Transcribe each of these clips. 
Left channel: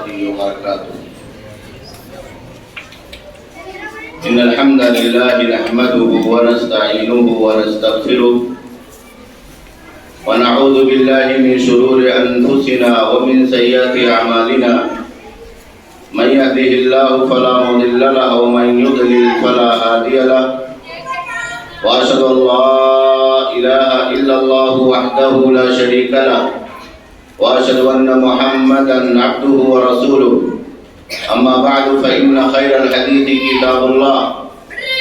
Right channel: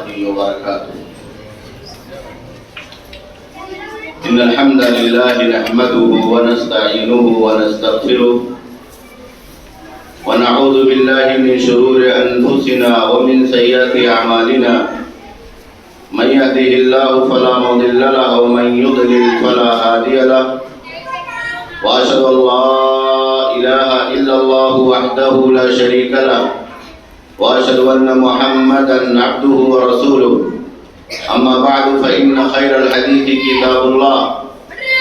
ورحمته وبركاته. إن الحمد لله نحمده ونستعينه ونستغفره ونعوذ بالله من شرور أنفسنا ومن سيئات أعمالنا. من يهده الله فلا مضل له ومن يضلل فلا هادي له. وأشهد أن لا إله إلا الله وحده لا شريك له وأشهد أن محمدا عبده ورسوله. أما بعد فإن خير الحديث كتاب الله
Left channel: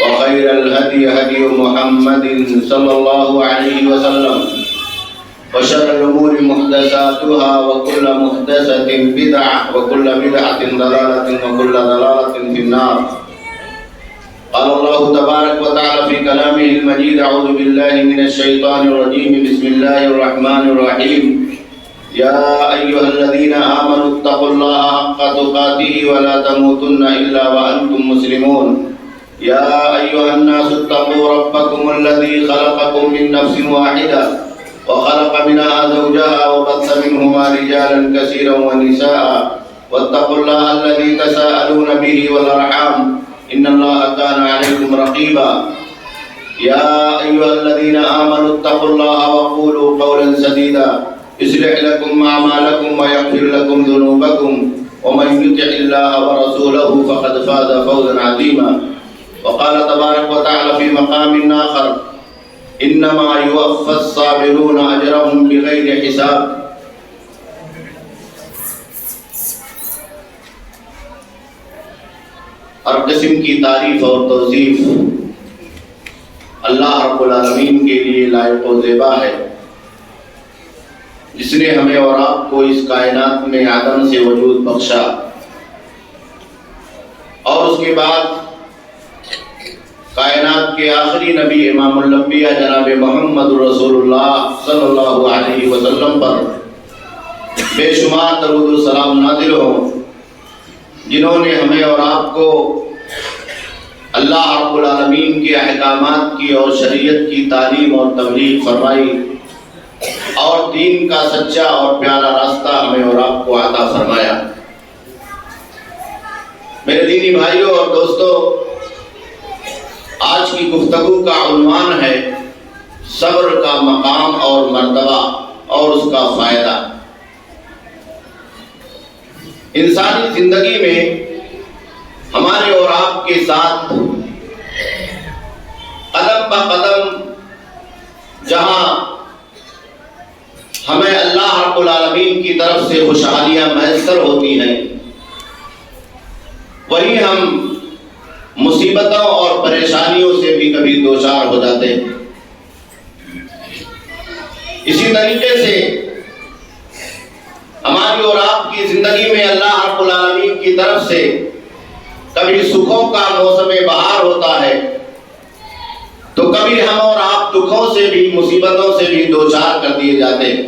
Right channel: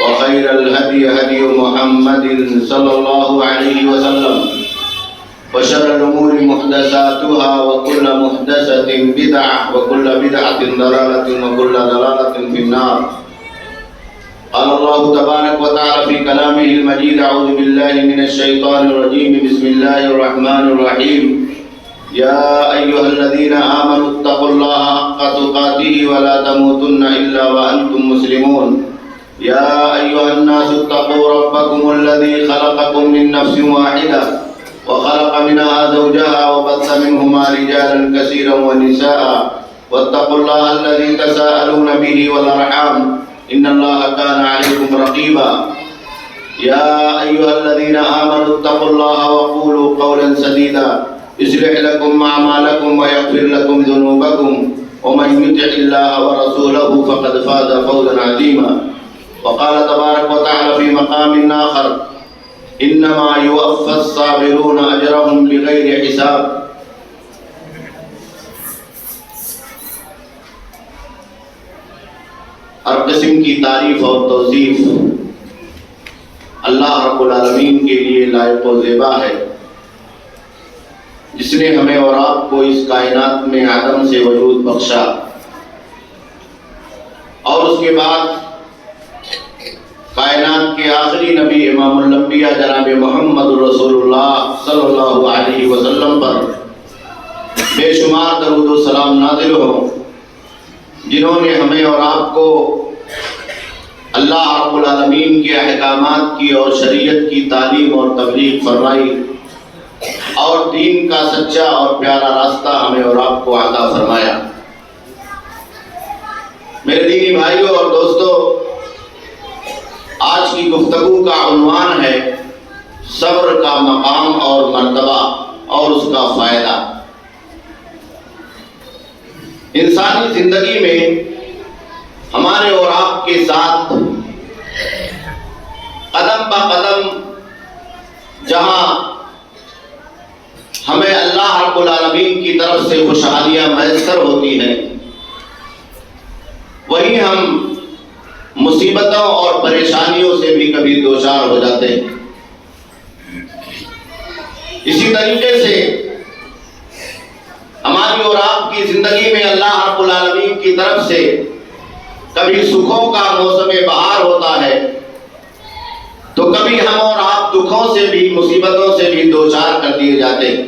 وخير الهدي هدي محمد صلى الله عليه وسلم وشر الأمور محدثاتها وكل محدثة بدعة وكل بدعة ضلالة وكل ضلالة في النار. قال الله تبارك وتعالى في كلامه المجيد: أعوذ بالله من الشيطان الرجيم. بسم الله الرحمن الرحيم. يا أيها الذين آمنوا اتقوا الله حق تقاته ولا تموتن إلا وأنتم مسلمون. يا أيها الناس اتقوا ربكم الذي خلقكم من نفس واحدة وخلق منها زوجها وبث منهما رجالا كثيرا ونساء واتقوا الله الذي تساءلون به والأرحام إن الله كان عليكم رقيبا. يا أيها الذين آمنوا اتقوا الله وقولوا قولا سديدا يصلح لكم أعمالكم ويغفر لكم ذنوبكم ومن يطع الله ورسوله فقد فاز فوزا عظيما. وقال تبارك وتعالى في مقام آخر: إنما يوفى الصابرون أجرهم بغير حساب. ہر قسم کی تعریف اور توصیف اللہ رب العالمین کے لیے لائق و زیبا ہے، جس نے ہمیں اور آپ کو اس کائنات میں عدم سے وجود بخشا اور اس کے بعد کائنات کے آخری نبی امام الانبیاء جناب محمد رسول اللہ صلی اللہ علیہ وسلم پر بے شمار درود و سلام نازل ہوں، جنہوں نے ہمیں اور آپ کو اللہ رب العالمین کے احکامات کی اور شریعت کی تعلیم اور تبلیغ فرمائی اور دین کا سچا اور پیارا راستہ ہمیں اور آپ کو عطا فرمایا۔ میرے دینی بھائیوں اور دوستوں، آج کی گفتگو کا عنوان ہے صبر کا مقام اور مرتبہ اور اس کا فائدہ۔ انسانی زندگی میں ہمارے اور آپ کے ساتھ قدم بہ قدم جہاں ہمیں اللہ رب العالمین کی طرف سے خوشحالیاں میسر ہوتی ہیں، وہیں ہم مصیبتوں اور پریشانیوں سے بھی کبھی دوچار ہو جاتے ہیں۔ اسی طریقے سے ہماری اور آپ کی زندگی میں اللہ رب العالمین کی طرف سے کبھی سکھوں کا موسم بہار ہوتا ہے تو کبھی ہم اور آپ دکھوں سے بھی مصیبتوں سے بھی دوچار کر دیے جاتے ہیں۔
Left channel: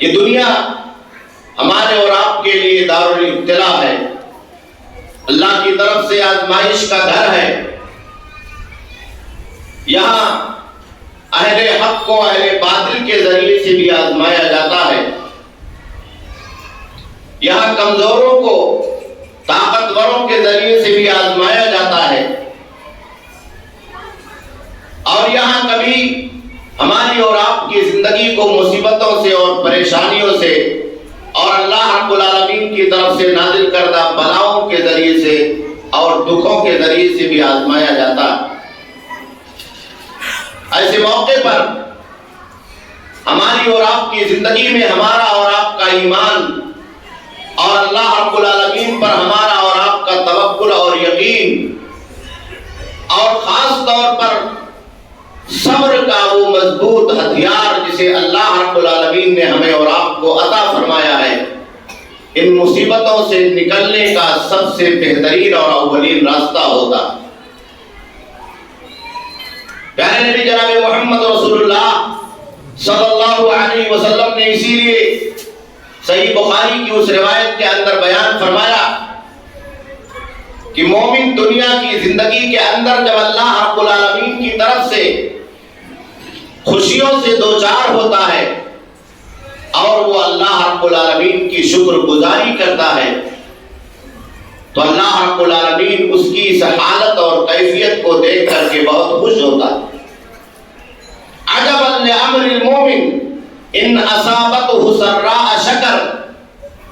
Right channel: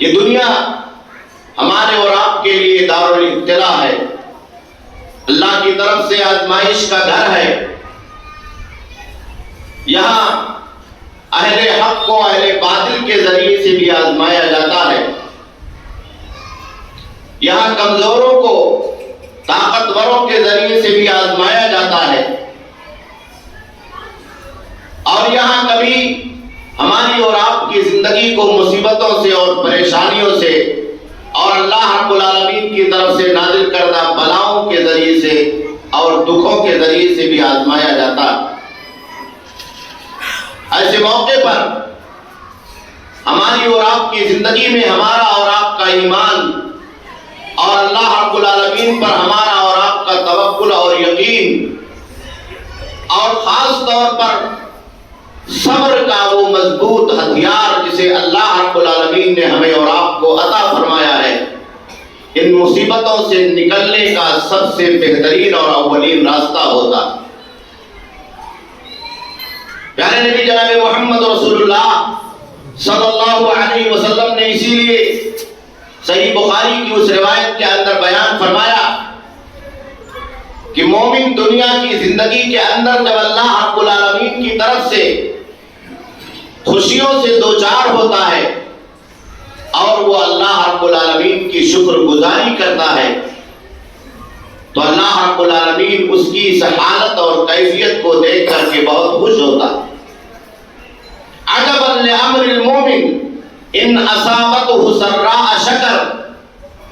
یہ دنیا ہمارے اور آپ کے لیے دارالابتلاء ہے، اللہ کی طرف سے آزمائش کا گھر ہے۔ یہاں اہل حق کو اہل باطل کے ذریعے سے بھی آزمایا جاتا ہے، یہاں کمزوروں کو طاقتوروں کے ذریعے سے بھی آزمایا جاتا ہے، اور یہاں کبھی ہماری اور آپ کی زندگی کو مصیبتوں سے اور پریشانیوں سے اور اللہ رب العالمین کی طرف سے نازل کردہ بلاؤں کے ذریعے سے اور دکھوں کے ذریعے سے بھی آزمایا جاتا ہے۔ ایسے موقع پر ہماری اور آپ کی زندگی میں ہمارا اور آپ کا ایمان اور اللہ رب العالمین پر ہمارا اور آپ کا توکل اور یقین، اور خاص طور پر صبر کا وہ مضبوط ہتھیار جسے اللہ رب العالمین نے ہمیں اور آپ کو عطا فرمایا ہے، ان مصیبتوں سے نکلنے کا سب سے بہترین اور اولین راستہ ہوتا۔ پیارے نبی جناب محمد رسول اللہ صلی اللہ علیہ وسلم نے اسی لیے صحیح بخاری کی اس روایت کے اندر بیان فرمایا کہ مومن دنیا کی زندگی کے اندر جب اللہ رب العالمین کی طرف سے خوشیوں سے دوچار ہوتا ہے اور وہ اللہ رب العالمین کی شکر گزاری کرتا ہے تو اللہ رب العالمین اس کی اس حالت اور کیفیت کو دیکھ کر کے بہت خوش ہوتا ہے۔ عجبا لامر المومن ان اصابته سراء شکر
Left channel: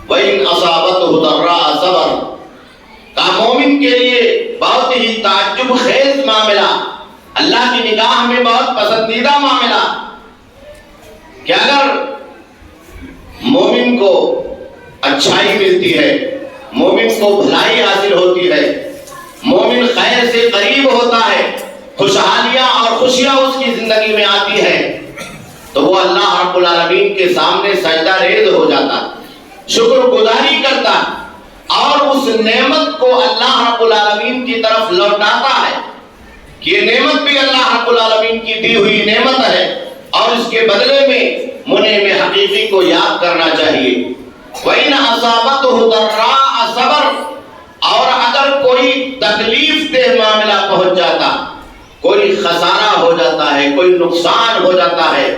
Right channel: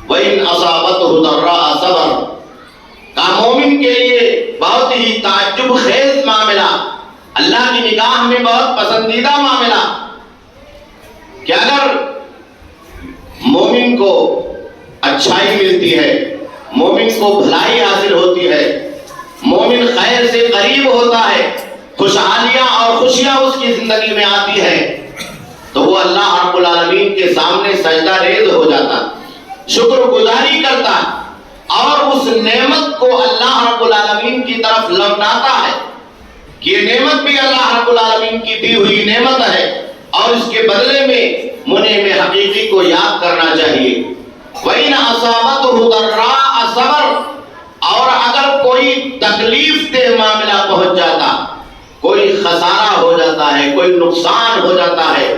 وان اصابته ضراء صبر۔ کا مومن کے لیے بہت ہی تعجب خیز معاملہ، اللہ کی نگاہ میں بہت پسندیدہ معاملہ کہ اگر مومن کو اچھائی ملتی ہے، مومن کو بھلائی حاصل ہوتی ہے، مومن خیر سے قریب ہوتا ہے، خوشحالیاں اور خوشیاں اس کی زندگی میں آتی ہے تو وہ اللہ رب العالمین کے سامنے سجدہ ریز ہو جاتا، شکر گزاری کرتا اور اس نعمت کو اللہ رب العالمین کی طرف لوٹاتا ہے کہ یہ نعمت بھی اللہ رب العالمین کی دی ہوئی نعمت ہے اور اس کے بدلے میں منعم حقیقی کو یاد کرنا چاہیے۔ وَإِنْ أَصَابَتْهُ ضَرَّاءَ صَبَرَ، اور اگر کوئی تکلیف دہ معاملہ پہنچ جاتا، کوئی خسارہ ہو جاتا ہے، کوئی نقصان ہو جاتا ہے،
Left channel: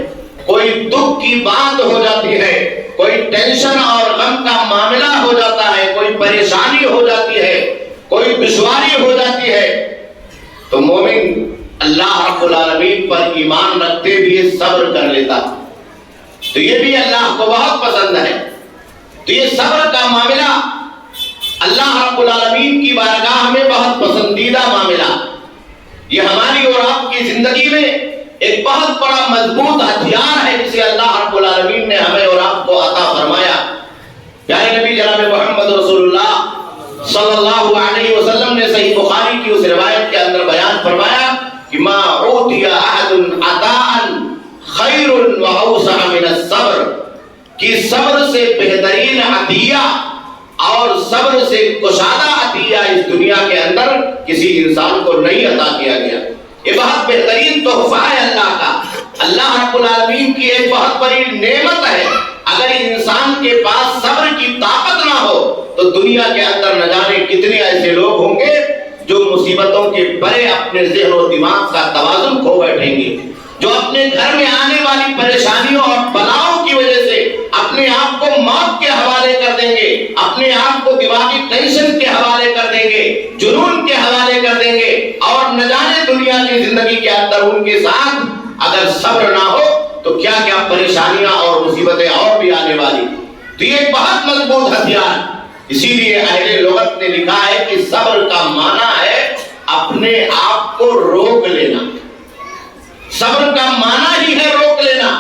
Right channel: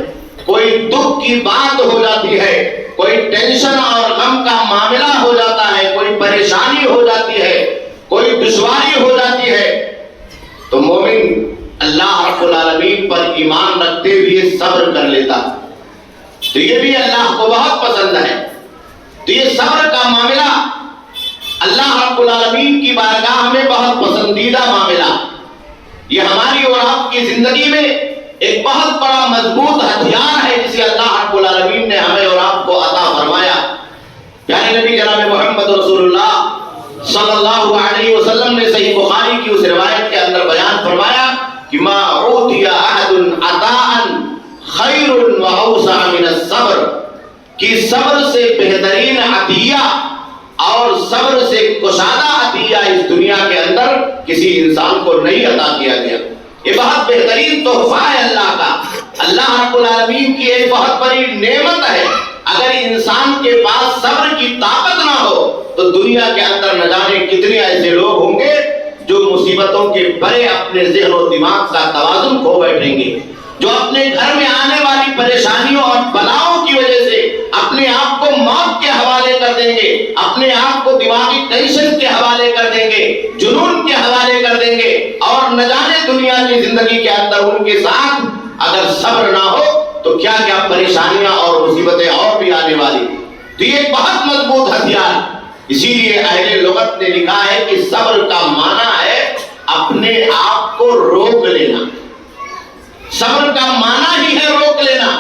کوئی دکھ کی بات ہو جاتی ہے، کوئی ٹینشن اور غم کا معاملہ ہو جاتا ہے، کوئی پریشانی ہو جاتی ہے، کوئی دشواری ہو جاتی ہے تو مومن اللہ رب العالمین پر ایمان رکھتے ہوئے صبر کر لیتا تو یہ بھی اللہ کو بہت پسند ہے۔ تو یہ صبر کا معاملہ اللہ رب العالمین کی بارگاہ میں بہت پسندیدہ معاملہ، یہ ہماری اور آپ کی زندگی میں ایک بہت بڑا مضبوط ہتھیار ہے جسے اللہ رب العالمین نے ہمیں اور آپ کو عطا فرمایا۔ پیارے نبی جناب محمد رسول اللہ صلی اللہ علیہ وسلم نے صحیح بخاری کی اس روایت کے اندر بیان فرمایا کہ ما اوتی احد عطاء خیر واوسع من الصبر، کہ صبر سے بہترین عطیہ اور صبر سے کشادہ عطیہ اس دنیا کے اندر کسی انسان کو نہیں عطا کیا گیا۔ یہ بہت بہترین تحفہ ہے اللہ کا، اللہ رب العالمین کی ایک بہت بڑی نعمت ہے۔ اگر انسان کے پاس صبر کی طاقت نہ ہو تو دنیا کے اندر نہ جانے کتنے ایسے لوگ ہوں گے جو مصیبتوں کے بڑے اپنے ذہن و دماغ کا توازن کھو بیٹھیں گے، جو اپنے گھر میں آنے والی پریشانیوں اور بلاؤں کی وجہ سے اپنے آپ کو موت کے حوالے کر دیں گے، اپنے آپ کو دماغی ٹینشن کے حوالے کر دیں گے، جنون کے حوالے کر دیں گے، اور نہ جانے دنیا کی زندگی کے اندر ان کے ساتھ اگر صبر نہ ہو تو کیا کیا پریشانیاں اور مصیبتیں اور بھی آنے والی۔ تو یہ ایک بہت مضبوط ہتھیار، اسی لیے اہل لغت نے لکھا ہے کہ صبر کا معنی ہے اپنے آپ کو روک لینا۔ صبر کا معنی ہی ہے روک لینا۔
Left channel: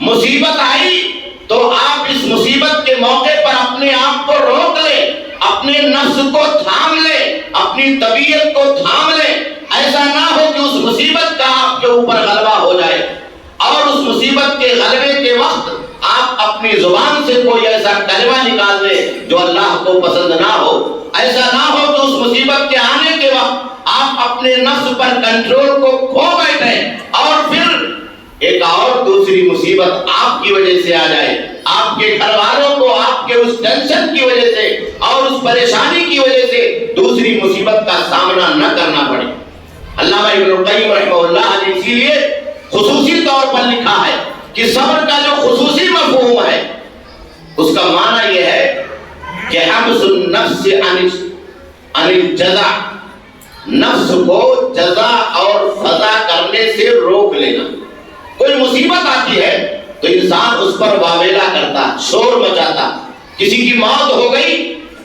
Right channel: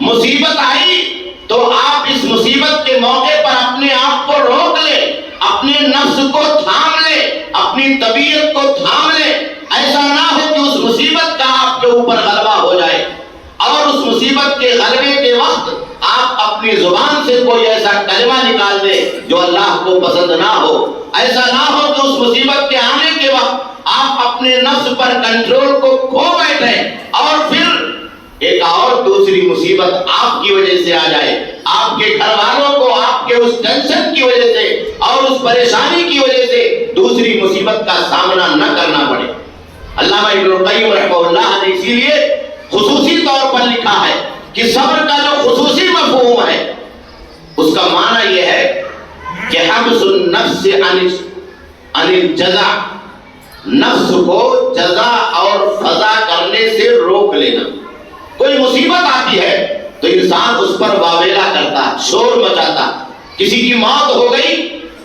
مصیبت آئی تو آپ اس مصیبت کے موقع پر اپنے آپ کو روک لیں، اپنے نفس کو تھام لیں، اپنی طبیعت کو تھام لیں، ایسا نہ ہو کہ اس مصیبت کا آپ کے اوپر غلبہ ہو جائے اور اس مصیبت کے غلبے کے وقت آپ اپنی زبان سے کوئی ایسا کلمہ نکال دیں جو اللہ کو پسند نہ ہو۔ ایسا نہ ہو کہ اس مصیبت کے آنے کے وقت آپ اپنے نفس پر کنٹرول کو کھو بیٹھیں اور پھر ایک اور دوسری مصیبت آپ کی وجہ سے آ جائے، آپ کے گھر والوں کو آپ کے اس ٹینشن کی وجہ سے اور اس پریشانی کی وجہ سے دوسری مصیبت کا سامنا نہ کرنا پڑے۔ علامہ ابن القیم رحمہ اللہ نے اسی لیے خصوصی طور پر لکھا ہے کہ صبر کا جو خصوصی مفہوم ہے اس کا معنی یہ ہے کہ حبس النفس عن الجزع، نفس کو جزا اور فضا کرنے سے روک لینا۔ کوئی مصیبت آتی ہے تو انسان اس پر واویلا کرتا، شور مچاتا، کسی کی موت ہو گئی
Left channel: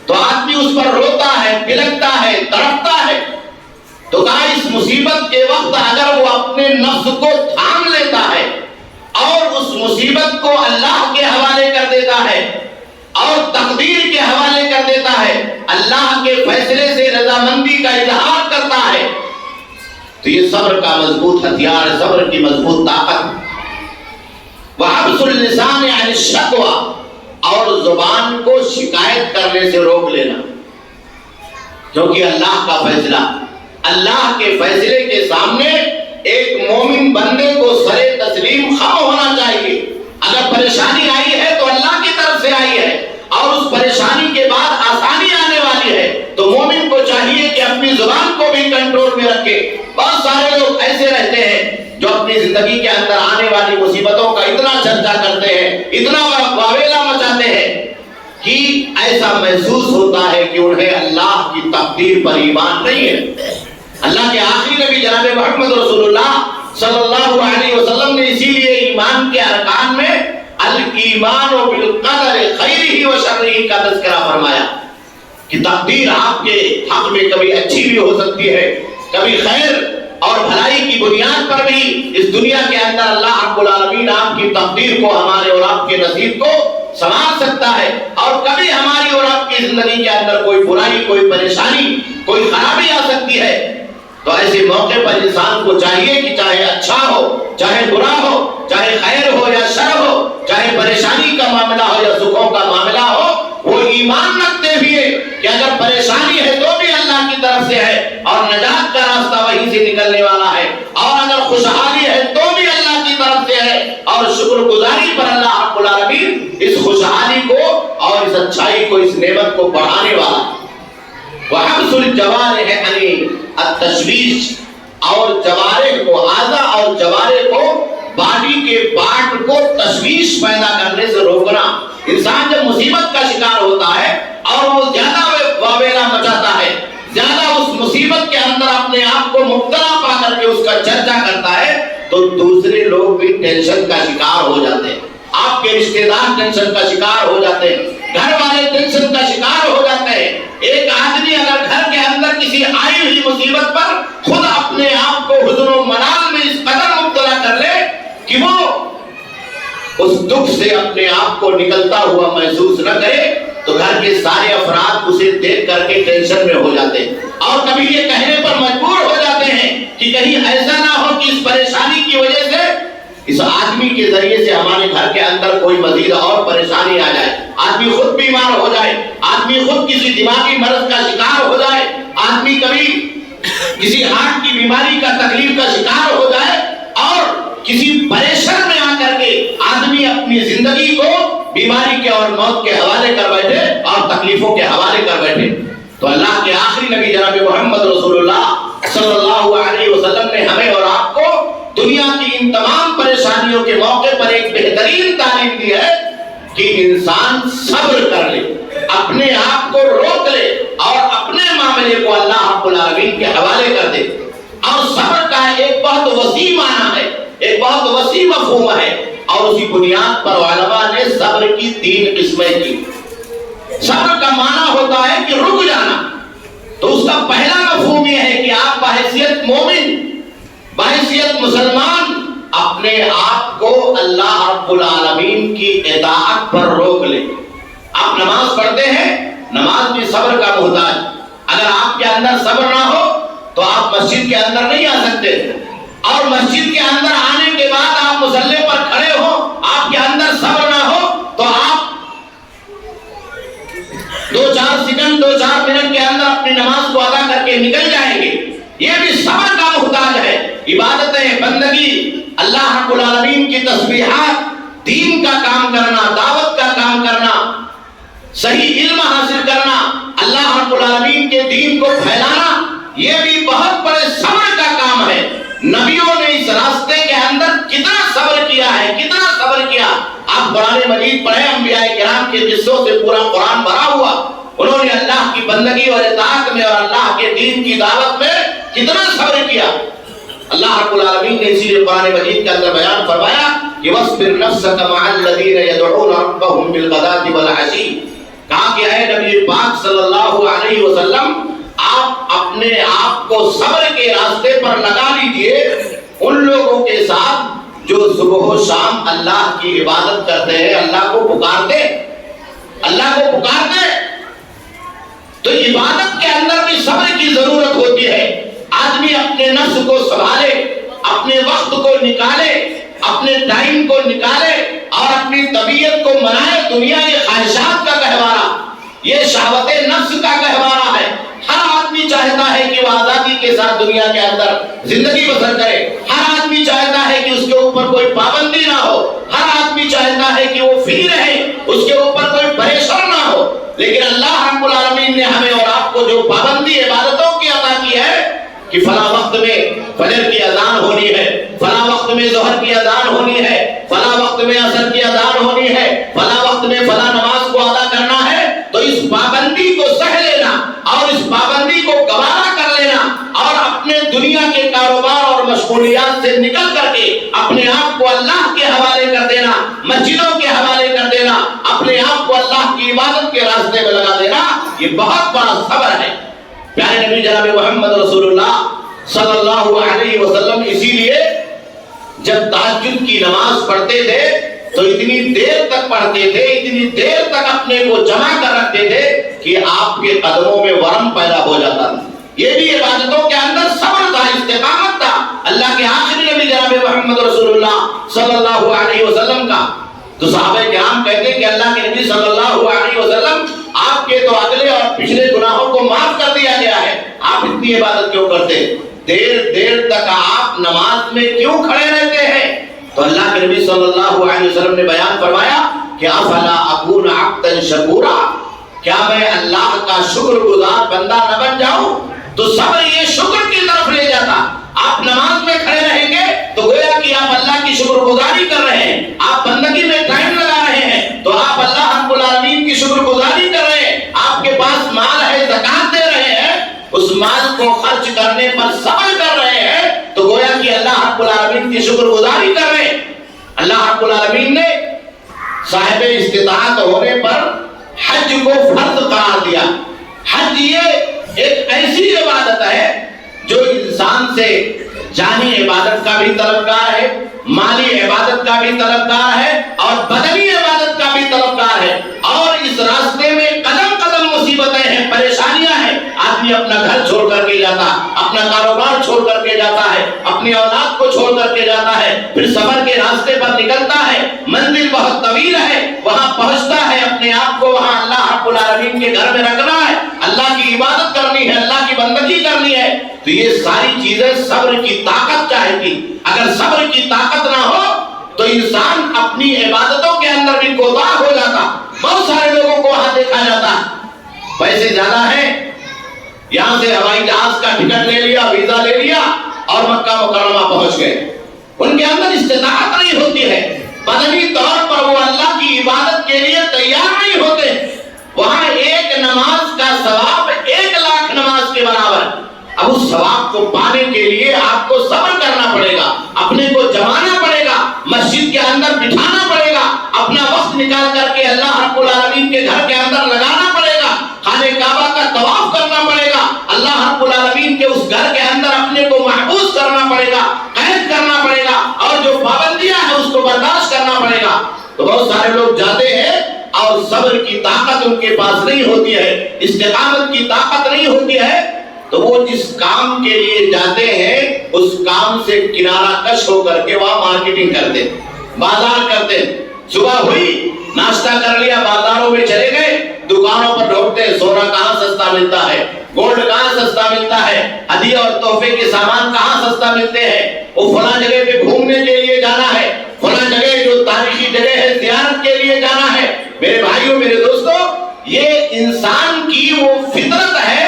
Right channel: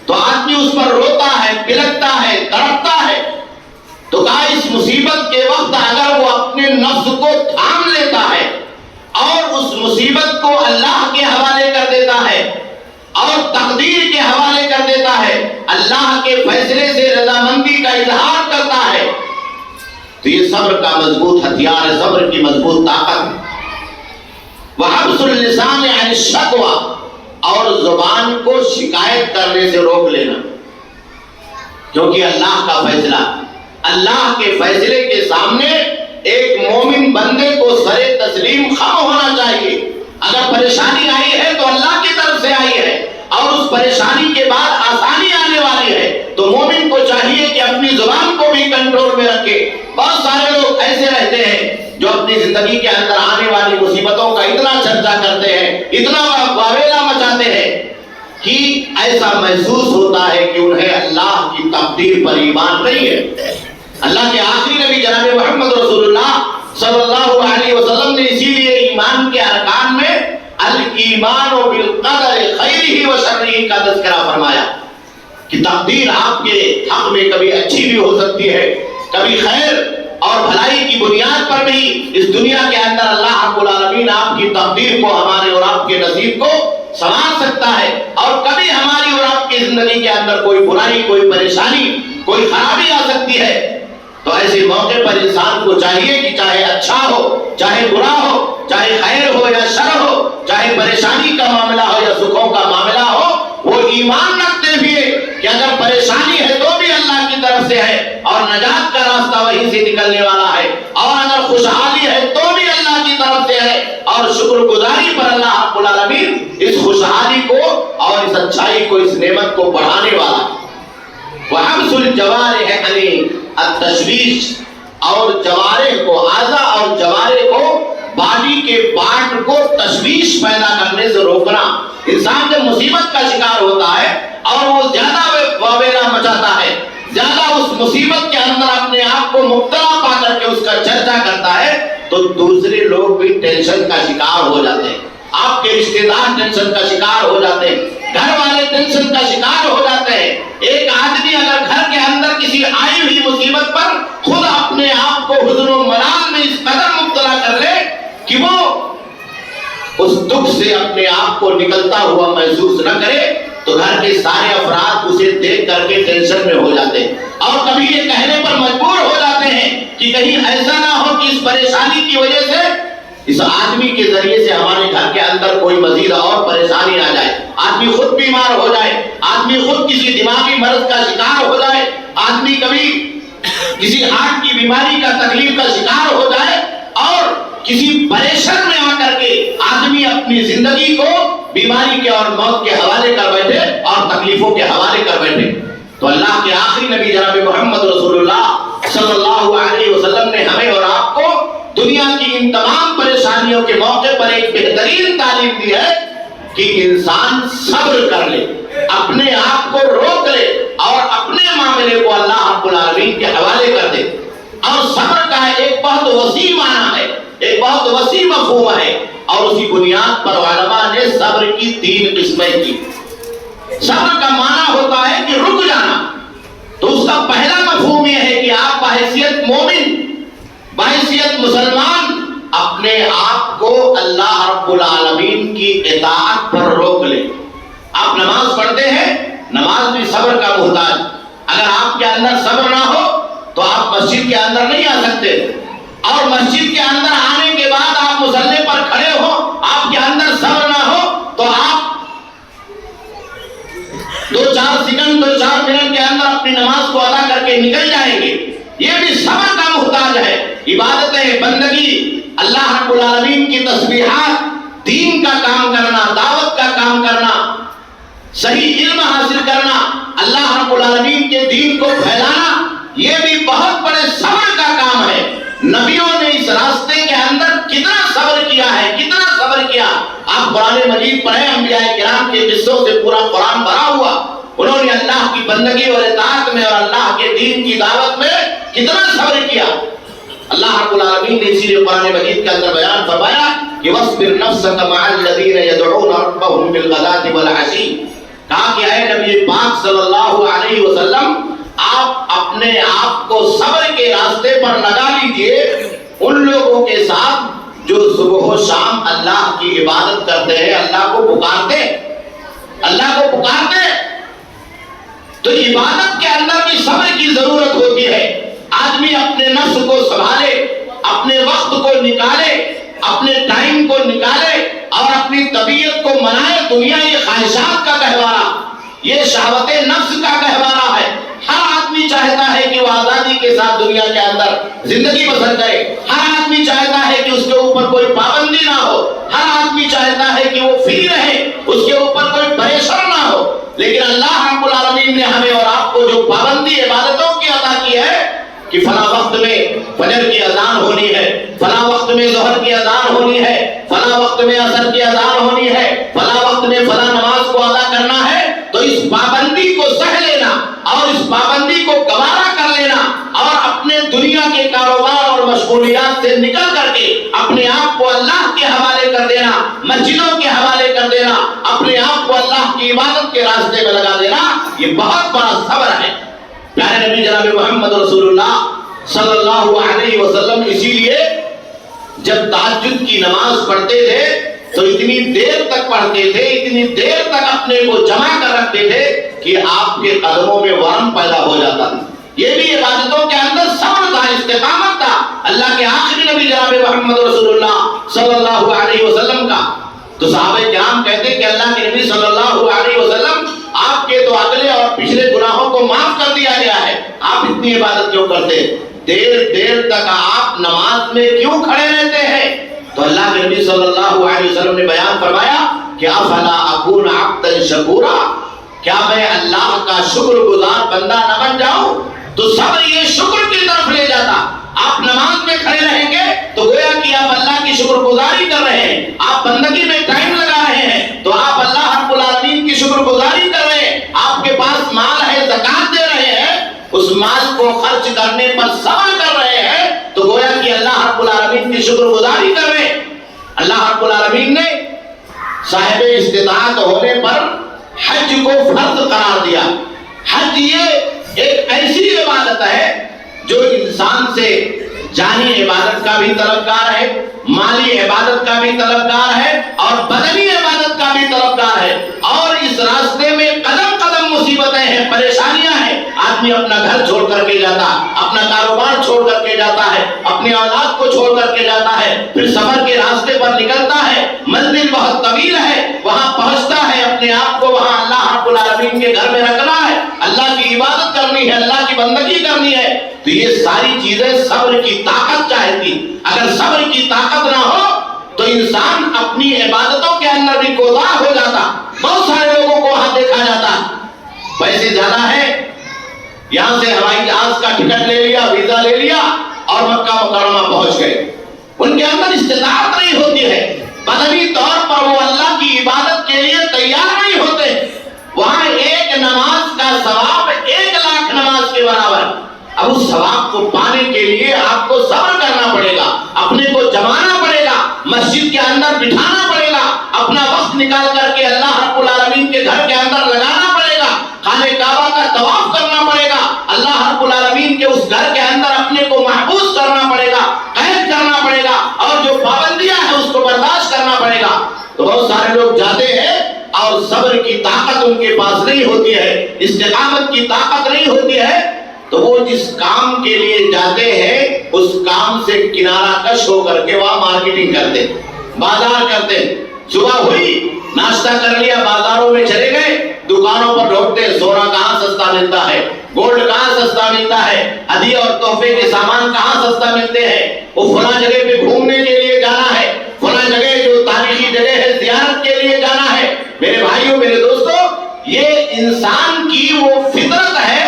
تو آدمی اس پر روتا ہے، بلکتا ہے، تڑپتا ہے۔ تو کہا اس مصیبت کے وقت اگر وہ اپنے نفس کو تھام لیتا ہے اور اس مصیبت کو اللہ کے حوالے کر دیتا ہے اور تقدیر کے حوالے کر دیتا ہے، اللہ کے فیصلے سے رضامندی کا اظہار کرتا ہے، تو یہ صبر کا مضبوط ہتھیار ہے، صبر کی مضبوط طاقت۔ وحبس اللسان عن الشکوى، اور زبان کو شکایت کرنے سے روک لینا، کیونکہ اللہ کا فیصلہ، اللہ کے فیصلے کے سامنے ایک مومن بندے کو سرے تسلیم خم ہونا چاہیے۔ اگر پریشانی آئی ہے تو اللہ کی طرف سے آئی ہے اور اس پریشانی کے بعد آسانی آنے والی ہے، تو مومن کو چاہیے کہ اپنی زبان کو بھی کنٹرول میں رکھے۔ بہت سارے لوگ ایسے رہتے ہیں جو اپنی زندگی کے اندر آنے والی مصیبتوں کا اتنا چرچا کرتے ہیں، اتنا واویلا مچاتے ہیں کہ ایسا محسوس ہوتا ہے کہ انہیں اللہ کی تقدیر پر ایمان نہیں ہے۔ اللہ کے آخری نبی جناب محمد رسول اللہ صلی اللہ علیہ وسلم نے اسی لیے ایمان کے ارکان میں الایمان بالقدر خیرہ و شرہ کا تذکرہ فرمایا کہ تقدیر آپ کے حق میں کبھی اچھی بھی ہو سکتی ہے، کبھی خیر اور بھلائی کی بنیاد پر بھی اس دنیا کے اندر اللہ رب العالمین آپ کی تقدیر کو، ہمارے اور آپ کے نصیب کو سنوار سکتا ہے، اور کبھی ہماری اور آپ کی زندگی کے اندر کوئی برائی، کوئی پریشانی، کوئی خرابی آ سکتی ہے۔ تو ایسے موقع پر انسان کو چاہیے کہ چاہے اچھا ہو، چاہے برا ہو، چاہے خیر ہو یا شر ہو، چاہے پریشانی کا معاملہ ہو یا سکھوں کا معاملہ ہو، وہ ایمان رکھتے ہوئے کہ اگر پریشانی ہے تو بھی اللہ کی طرف سے ہے اور نجات کا راستہ وہیں سے نکلنے والا ہے، اور اگر خوشحالی ہے تو بھی اللہ کی طرف سے ہے، اور شکر گزاری پر اللہ رب العالمین اس خوشحالی کو اور اس اچھائی کو، اس نعمت کو بڑھانے والا ہے۔ وحبس الجوارح یعنی التشویش، اور جوارح کو، اعضاء اور جوارح کو، باڈی کے پارٹ کو تشویش پیدا کرنے سے روکنا۔ انسان جب مصیبت کا شکار ہوتا ہے اور وہ زیادہ واویلا مچاتا ہے، زیادہ اس مصیبت کے اندر اپنے آپ کو مبتلا پا کر کے اس کا چرچا کرتا ہے، تو دوسرے لوگ بھی ٹینشن کا شکار ہو جاتے ہیں، آپ کے رشتہ دار ٹینشن کا شکار ہو جاتے ہیں، گھر والے ٹینشن کا شکار ہو جاتے ہیں۔ ایک آدمی اگر گھر کے اندر کسی آئی ہوئی مصیبت پر خود اپنے آپ کو حزن و ملال میں اس قدر مبتلا کر لے کہ وہ اس دکھ سے اپنے آپ کو نکلتا ہوا محسوس نہ کرے، تو گھر کے سارے افراد اسے دیکھ کر کے ٹینشن میں ہو جاتے ہیں، اور کبھی یہ کہنے پر مجبور ہو جاتے ہیں کہ کہیں ایسا نہ ہو کہ اس پریشانی کی وجہ سے، اس آدمی کے ذریعے سے ہمارے گھر کے اندر کوئی مزید اور پریشانی آ جائے، آدمی خود بیمار ہو جائے، آدمی خود کسی دماغی مرض کا شکار ہو جائے، آدمی کبھی کسی ہارٹ کی بیماری کا تکلیف کا شکار ہو جائے، اور کسی پریشان میں آ کر کے آدمی اپنی زندگی کو بیماری کے اور موت کے حوالے کر بیٹھے اور تکلیفوں کے حوالے کر بیٹھے۔ تو اللہ کے آخری نبی جناب محمد رسول اللہ صلی اللہ علیہ وسلم نے ہمیں اور آپ کو دنیا کی ان تمام پریشانیوں کے موقع پر ایک بہترین تعلیم دی ہے کہ انسان صبر کر لے، اپنے آپ کو روک لے اور اپنے معاملے کو اللہ رب العالمین کے حوالے کر دے۔ اور صبر کا ایک بہت وسیع معنی ہے، ایک بہت وسیع مفہوم ہے، اور اسی بنیاد پر علماء نے صبر کی 3 قسمیں کی۔ صبر کا معنی ہوتا ہے کہ رک جانا، تو اس کا پہلا مفہوم یہ ہے کہ آپ بحیثیت مومن، بحیثیت مسلمان، اپنے آپ کو اللہ رب العالمین کی اطاعت پر روک لیں۔ آپ نماز پڑھتے ہیں، نماز بھی صبر کا محتاج، اگر آپ کے اندر صبر نہ ہو تو آپ مسجد کے اندر نہیں آ سکتے، اور مسجد کے اندر آنے کے بعد آپ مصلی پر کھڑے ہو، آپ کے اندر صبر نہ ہو تو آپ 2-4 سیکنڈ 2-4 منٹ کے اندر اپنی نماز کو ادا کر کے نکل جائیں گے۔ یہ بھی صبر کا محتاج ہے۔ عبادتیں، بندگی، اللہ رب العالمین کی تسبیحات، دین کا کام کرنا، دعوت کا کام کرنا، صحیح علم حاصل کرنا، اللہ رب العالمین کے دین کو پھیلانا، یہ بھی بہت بڑے صبر کا کام ہے۔ نبیوں نے اس راستے کے اندر کتنا صبر کیا ہے، کتنا صبر کیا۔ آپ قرآن مجید پڑھیں، انبیاء کرام کے قصوں سے پورا قرآن بھرا ہوا، انہوں نے اللہ کی بندگی اور اطاعت میں اور اللہ کے دین کی دعوت میں کتنا صبر کیا۔ اللہ رب العالمین نے اسی لیے قرآن مجید کے اندر بیان فرمایا کہ وَاصْبِرْ نَفْسَكَ مَعَ الَّذِينَ يَدْعُونَ رَبَّهُمْ بِالْغَدَاةِ وَالْعَشِيِّ، کہا کہ اے نبی پاک صلی اللہ علیہ وسلم، آپ اپنے آپ کو صبر کے راستے پر لگا لیجئے ان لوگوں کے ساتھ جو صبح و شام اللہ کی عبادت کرتے ہیں، اللہ کو پکارتے، اللہ کو پکارتے۔ تو عبادت کے اندر بھی صبر کی ضرورت ہوتی ہے۔ آدمی اپنے نفس کو سنبھالے، اپنے وقت کو نکالے، اپنے ٹائم کو نکالے اور اپنی طبیعت کو منائے۔ دنیا یہ خواہشات کا گہوارہ، یہ شہوت نفس کا گہوارہ ہے۔ ہر آدمی چاہتا ہے کہ وہ آزادی کے ساتھ دنیا کے اندر زندگی بسر کرے، ہر آدمی چاہتا ہے کہ اس کے اوپر کوئی پابندی نہ ہو، ہر آدمی چاہتا ہے کہ وہ فری رہے، اس کے اوپر کوئی پریشر نہ ہو۔ لیکن اللہ رب العالمین نے ہمیں اور آپ کو جو پابندی عبادتوں کی عطا کی ہے، کہ فلاں وقت میں فجر کی اذان ہونی ہے، فلاں وقت میں ظہر کی اذان ہونی ہے، فلاں وقت میں عصر کی اذان ہونی ہے، فلاں وقت میں فلاں نماز کو ادا کرنا ہے، تو اس پابندی کو سہ لینا اور اس پابندی کو گوارا کر لینا اور اپنے دنیا کے کاروبار اور مشغولیات سے نکل کر کے اپنے آپ کو اللہ کے حوالے کر دینا، مسجدوں کے حوالے کر دینا، اپنے آپ کو اللہ کی عبادت کے راستے میں لگا دینا، یہ بہت بڑا صبر ہے۔ پیارے نبی جناب محمد رسول اللہ صلی اللہ علیہ وسلم اسی لیے جب تہجد کی نماز پڑھتے تھے تو اتنی دیر تک پڑھتے تھے، اتنی دیر تک اپنے کو جمع کر رکھتے تھے کہ آپ کے قدموں میں ورم پیدا ہو جاتا تھا۔ یہ بھی عبادتوں کے اندر صبر تھا، استقامت تھا اللہ کے آخری نبی جناب محمد رسول اللہ صلی اللہ علیہ وسلم کا۔ تو صحابہ کرام کہتے ہیں کہ اللہ کے نبی صلی اللہ علیہ وسلم آپ کے تو اگلے اور پچھلے گناہوں کو معاف کر دیا گیا ہے، آپ اتنی عبادت کیوں کرتے؟ دیر دیر تک آپ نماز میں کیوں کھڑے رہتے ہیں؟ تو اللہ کے نبی صلی اللہ علیہ وسلم نے بیان فرمایا کہ افلا اکون عبدا شکورا، کیا میں اللہ کا شکر گزار بندہ نہ بن جاؤں؟ تو صبر یہ شکر کی طرف لے جاتا۔ آپ نماز میں کھڑے رہیں گے تو گویا کہ آپ اللہ کی شکر گزاری کر رہے ہیں، آپ بندگی میں ٹائم لگا رہے ہیں تو آپ اللہ رب العالمین کی شکر گزاری کر رہے ہیں۔ آپ کے پاس مال ہے، زکات دے رہے ہیں، اس مال کو خرچ کرنے پر صبر کر رہے ہیں تو گویا کہ اللہ رب العالمین کی شکر گزاری کر رہے ہیں۔ اللہ رب العالمین نے صاحب استطاعت ہونے پر حج کو فرض قرار دیا۔ حج یہ ایک ایسی عبادت ہے جو انسان سے جانی عبادت کا بھی طلبگار ہے، مالی عبادت کا بھی طلبگار ہے اور بدنی عبادت کا بھی طلبگار ہے، اور اس راستے میں قدم قدم مصیبتیں ہیں، پریشانیاں ہیں۔ آدمی اپنا گھر چھوڑ کر کے جاتا، اپنا کاروبار چھوڑ کر کے جاتا ہے، اپنی اولاد کو چھوڑ کر کے جاتا ہے، پھر سفر کے راستے پر نکلتا ہے، منزل بہت طویل ہے، وہاں پہنچتا ہے، اپنے آپ کو وہاں اللہ رب العالمین کے گھر میں رکھنا ہے، اللہ کی عبادت کرنی ہے، اللہ کی بندگی کرنی ہے۔ تو یہ ساری چیزیں صبر کی طاقت چاہتی۔ اگر صبر کی طاقت نہ ہو تو انسان اپنی عبادتوں کے اندر بھی کوتاہ ہو جاتا۔ بہت سارے لوگوں کو وہاں دیکھا جاتا، پیسے زیادہ ہیں، یہاں سے ہوائی جہاز کا ٹکٹ لے لیا، ویزا لے لیا اور مکہ مکرمہ پہنچ گئے۔ ان کے اندر استطاعت نہیں ہوتی ہے، بدنی طور پر وہ اللہ کی عبادت کے لیے تیار نہیں ہوتے۔ وہاں ایک نماز کا ثواب 1,00,000 نماز کے برابر۔ اب اس ثواب کو پانے کے لیے آپ کو صبر کرنا پڑے گا، اپنے کو جمانا پڑے گا، مسجد کے اندر بٹھانا پڑے گا، اپنا وقت نکال کر کے اللہ رب العالمین کے گھر کے اندر لگانا پڑے گا، خانہ کعبہ کا طواف کرنا پڑے گا، اللہ رب العالمین کے اس گھر کے اندر اپنے کو محفوظ کرنا پڑے گا، قید کرنا پڑے گا، اور جو پابندیاں ہیں اس کو برداشت کرنا پڑے گا۔ تو بہت سارے لوگ جاتے ہیں اور صبر کی طاقت ان کے پاس نہیں ہوتی ہے، استقامت کی طاقت نہیں ہوتی ہے، تو وہ جس کام کے لیے جاتے ہیں اس کام سے کنارہ کش ہو کر کے وہاں مارکیٹنگ کرتے، بازار کرتے۔ صبح ہوئی، ناشتہ کر لیا، بازاروں میں چلے گئے، دکانوں پر ڈھونڈتے ہیں سونا کہاں سستا ملتا ہے، گولڈ کہاں سستا ملتا ہے، ہدیے اور تحفے کے سامان کہاں سستا ملتے ہیں۔ وہ فلاں جگہ پہ گھومنے کے لیے جانا ہے، فلاں جگہ جو تاریخی جگہ ہے زیارت کے لیے جانا ہے۔ میرے بھائیوں، میرے دوستوں، یہ انسان کی وہ فطرت ہے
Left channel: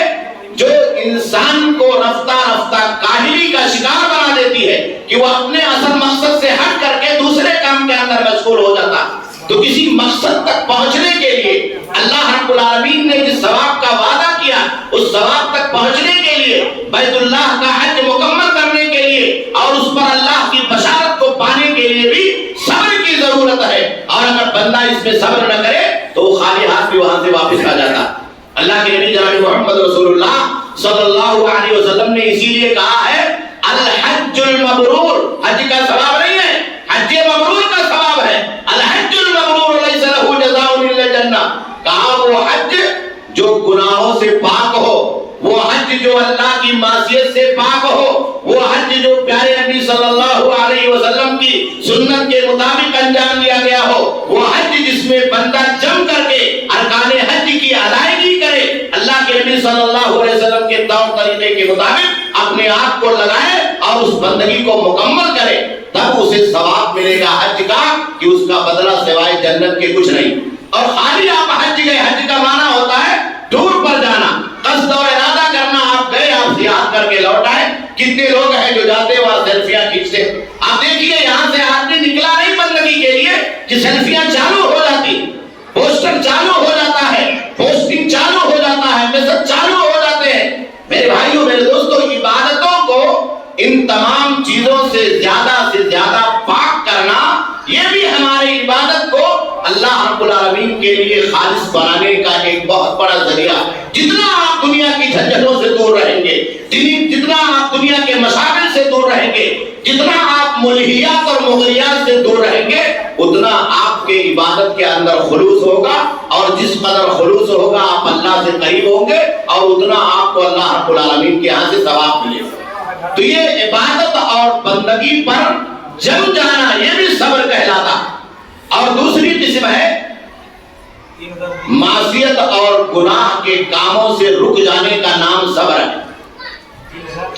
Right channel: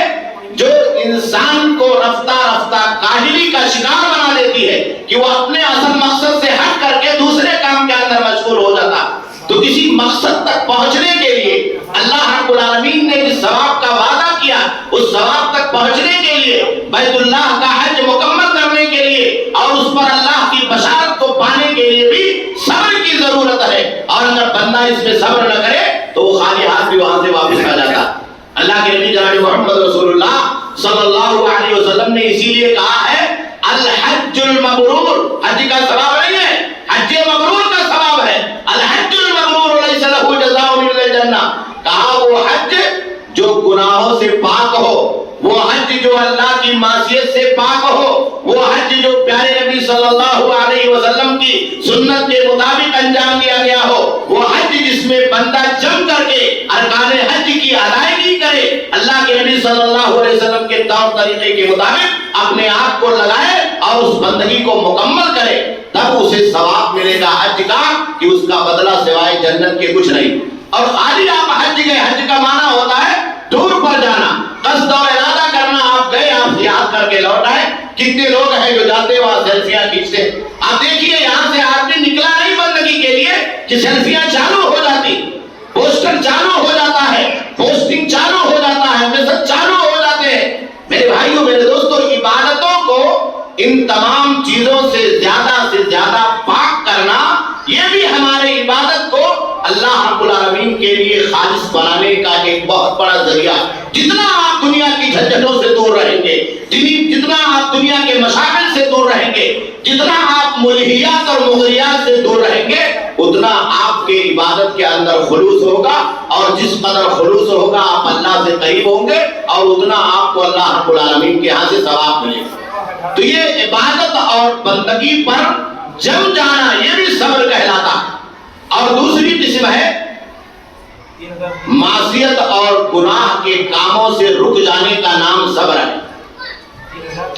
جو انسان کو رفتہ رفتہ کاہلی کا شکار بنا دیتی ہے کہ وہ اپنے اصل مقصد سے ہٹ کر کے دوسرے کام کے اندر مشغول ہو جاتا۔ تو کسی مقصد تک پہنچنے کے لیے اللہ رب العالمین نے جس ثواب کا وعدہ کیا، اس ثواب تک پہنچنے کے لیے، بیت اللہ کا حج مکمل کرنے کے لیے اور اس پر اللہ کی بشارت کو پانے کے لیے بھی صبر کی ضرورت ہے۔ اور اگر بندہ اس میں صبر نہ کرے تو وہ خالی ہاتھ بھی وہاں سے واپس آ جاتا۔ اللہ کے نبی جناب محمد رسول اللہ صلی اللہ علیہ وسلم نے اسی لیے کہا ہے الحج المبرور، حج کا ثواب نہیں ہے، حج مبرور کا ثواب ہے۔ الحج المبرور لیس له جزاء الا الجنہ، کہا وہ حج جو گناہوں سے پاک ہو، وہ حج جو اللہ کی معصیت سے پاک ہو، وہ حج جو پیارے نبی صلی اللہ علیہ وسلم کی سنت کے مطابق انجام دیا گیا ہو، وہ حج جس میں بندہ جم کر کے ارکان حج کی ادائیگی کرے، اللہ کے نبی صلی اللہ علیہ وسلم کے طور طریقے کے مطابق اپنے آپ کو لگائے اور اس بندگی کو مکمل کرے، تب اسے ثواب ملے گا حج کا کہ اس کا بدلہ سوائے جنت کے کچھ نہیں۔ اور خالی آپ حج گئے، حج کا معنی ہوتا ہے ٹور پر جانا، قصد اور ارادہ کرنا، آپ گئے، آپ سیاحت بھاگ کر کے لوٹ آئے. کتنے لوگ ہیں جو جاتے وہاں سیلفیاں کھینچتے. آپ دیکھیے یہاں سے آدمی نکلا نہیں بندگی کے لیے کہ سیلفیاں چالو ہو جاتی, پوسٹر چالو ہو جاتا ہے, پوسٹنگ چالو ہو جاتا ہے, میسج چالو ہو جاتے ہیں. میرے بھائیوں میرے دوستوں, عبادتوں کو ان تمام چیزوں سے زیادہ پاک کرنا, یہ بھی ہماری عبادت کو اللہ رب العالمین کے لیے خالص بنانے کا ایک بہت بڑا ذریعہ. جتنا آپ دنیا کی جھنجھٹوں سے دور رہیں گے, جتنا آپ دنیا کے مشاغل سے دور رہیں گے, جتنا آپ ملہیات اور مغریات سے دور رہیں گے, اتنا آپ کے عبادت کے اندر خلوص ہوگا, اور جس قدر خلوص ہوگا آپ اللہ سے قریب ہوں گے, اور اتنا آپ کو اللہ رب العالمین کے یہاں سے ثواب ملے گا. تو یہ عبادت اور بندگی پر جم جانا یہ بھی صبر کہلاتا. اور دوسری قسم ہے معصیت اور گناہ کے کاموں سے رک جانے کا نام صبر ہے.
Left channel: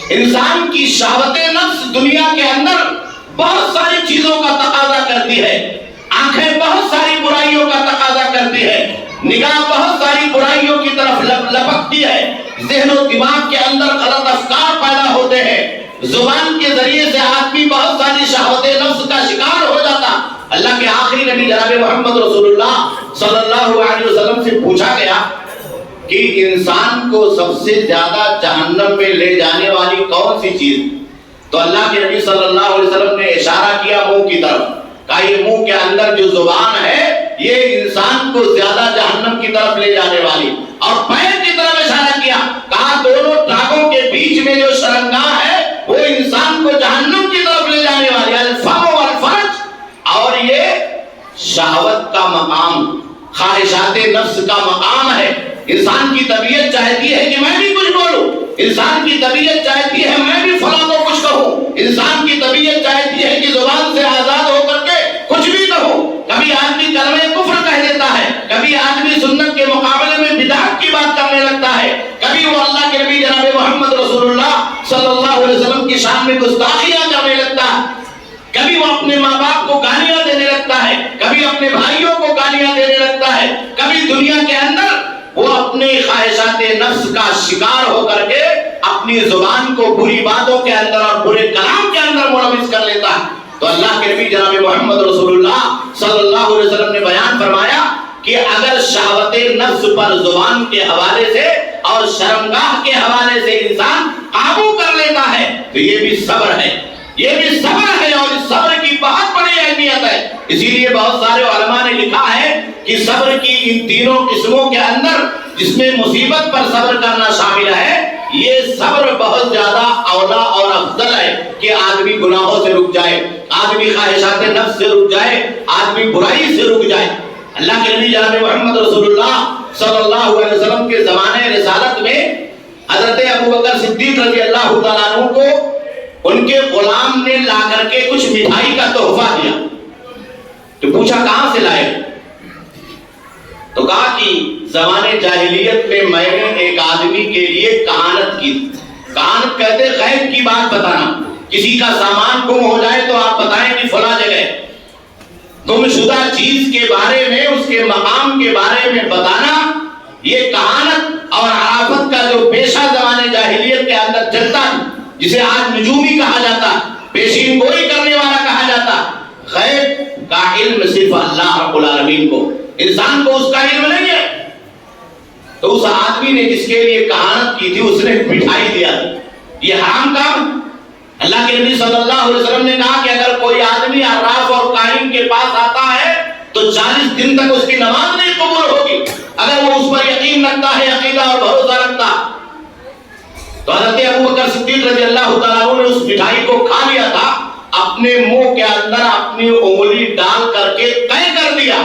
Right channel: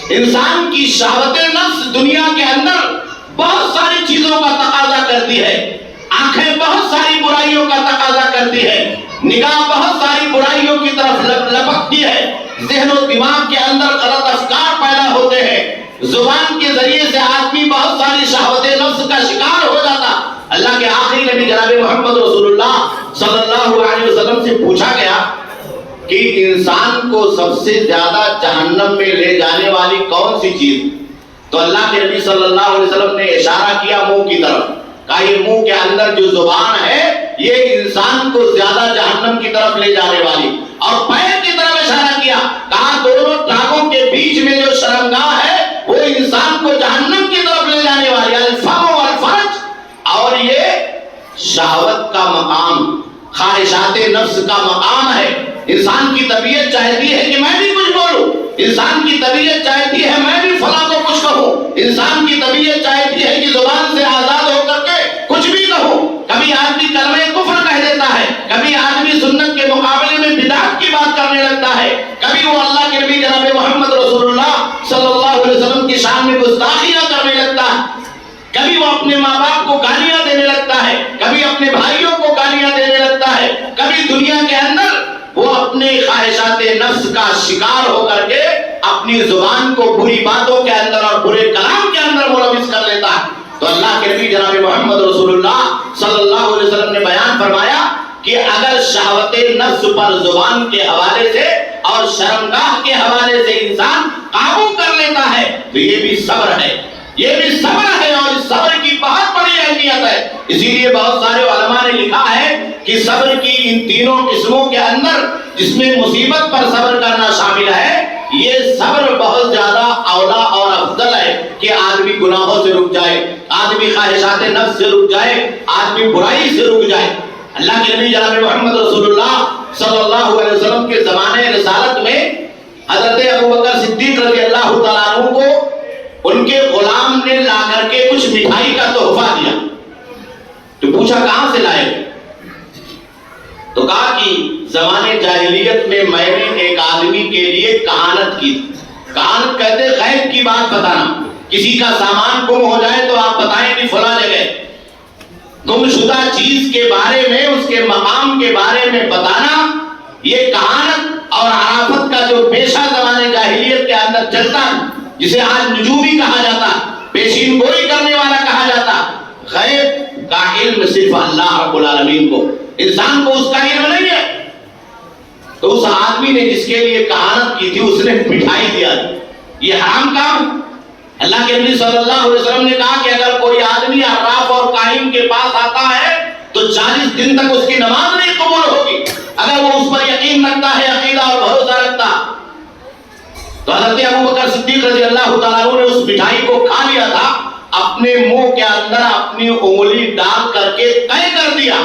انسان کی شہوت نفس دنیا کے اندر بہت ساری چیزوں کا تقاضا کرتی ہے. آنکھیں بہت ساری برائیوں کا تقاضا کرتی ہے, نگاہ بہت ساری برائیوں کی طرف لپکتی ہے, ذہن و دماغ کے اندر غلط افکار پیدا ہوتے ہیں, زبان کے ذریعے سے آدمی بہت ساری شہوت نفس کا شکار ہو جاتا. اللہ کے آخری نبی جناب محمد رسول اللہ صلی اللہ علیہ وسلم سے پوچھا گیا کہ انسان کو سب سے زیادہ جہنم میں لے جانے والی کون سی چیز؟ تو اللہ کے نبی صلی اللہ علیہ وسلم نے اشارہ کیا منہ کی طرف, کہا یہ منہ کے اندر جو زبان ہے یہ انسان کو زیادہ جہنم کی طرف لے جانے والی. اور پیر کی طرف اشارہ کیا, کہا دونوں ٹانگوں کے بیچ میں جو شرمگاہ ہے وہ انسان کو جہنم کی طرف لے جانے والی. الفم والفرج, اور یہ شہوت کا مقام, خواہشات نفس کا مقام ہے. انسان کی طبیعت چاہتی ہے کہ میں بھی کچھ بولوں, انسان کی طبیعت چاہتی ہے میں بھی فلاں کو کچھ کہوں, انسان کی طبیعت چاہتی ہے کہ زبان سے آزاد ہو کر کے کچھ بھی کہوں. کبھی آدمی کلمہ کفر کہہ دیتا ہے, کبھی آدمی سنت کے مقابلے میں بدعت کی بات کرنے لگتا ہے, کبھی وہ اللہ کے نبی جناب محمد رسول اللہ صلی اللہ علیہ وسلم کی شان میں گستاخیاں کرنے لگتا ہے, کبھی وہ اپنے ماں باپ کو گالیاں دینے لگتا ہے, کبھی اپنے بھائیوں کو گالیاں دینے لگتا ہے, کبھی دنیا کے اندر وہ اپنے خواہشات نفس کا شکار ہو کر کے اپنی زبان کو بری باتوں کے اندر اور برے کلام کے اندر ملوث کر لیتا ہے. تو اللہ کے نبی جناب محمد رسول اللہ صلی اللہ علیہ وسلم نے بیان فرمایا کہ اگر شہوت نفس پر زبان کے حوالے سے اور شرمگاہ کے حوالے سے انسان قابو کر لیتا ہے تو یہ بھی صبر ہے, یہ بھی صبر ہے, اور اس صبر کی بہت بڑی اہمیت ہے. اسی لیے بہت سارے علماء نے لکھا ہے کہ صبر کی ان تینوں قسموں کے اندر جس میں مصیبت پر صبر کرنا شامل ہے, یہ صبر بہت زیادہ اولا اور افضل ہے کہ آدمی گناہوں سے رک جائے, آدمی خواہشات نفس سے رک جائے, آدمی برائی سے رک جائے. اللہ کے نبی جناب محمد رسول اللہ صلی اللہ علیہ وسلم کے زمانے رسالت میں حضرت ابوبکر صدیق رضی اللہ تعالیٰ عنہ کو ان کے غلام نے لا کر کے کچھ مٹھائی کا تحفہ دیا. تو پوچھا کہاں سے لائے؟ تو کہا کہ زمانے جاہلیت میں میں نے ایک آدمی کے لیے کہانت کی. کہانت کہتے غیب کی بات بتانا, کسی کا سامان گم ہو جائے تو آپ بتائیں کہ فلاں جگہ, گم شدہ چیز کے بارے میں, اس کے مقام کے بارے میں بتانا, یہ کہانت اور عرافت کا جو پیشہ زمانے جاہلیت کے اندر چلتا جسے آج نجومی کہا جاتا, پیشین گوئی کرنے والا کہا جاتا. غیب کا علم صرف اللہ رب العالمین کو, انسان کو اس کا علم نہیں ہے. تو اس آدمی نے جس کے لیے کہانت کی تھی اس نے مٹھائی دیا. یہ حرام کام. اللہ کے نبی صلی اللہ علیہ وسلم نے کہا کہ اگر کوئی آدمی عراف اور کاہن کے پاس آتا ہے تو 40 دن تک اس کی نماز نہیں قبول ہوگی اگر وہ اس پر یقین رکھتا ہے, عقیدہ اور بھروسہ رکھتا. تو حضرت ابوبکر صدیق رضی اللہ تعالیٰ عنہ نے اس مٹھائی کو کھا لیا تھا, اپنے منہ کے اندر اپنی انگلی ڈال کر کے طے کر دیا.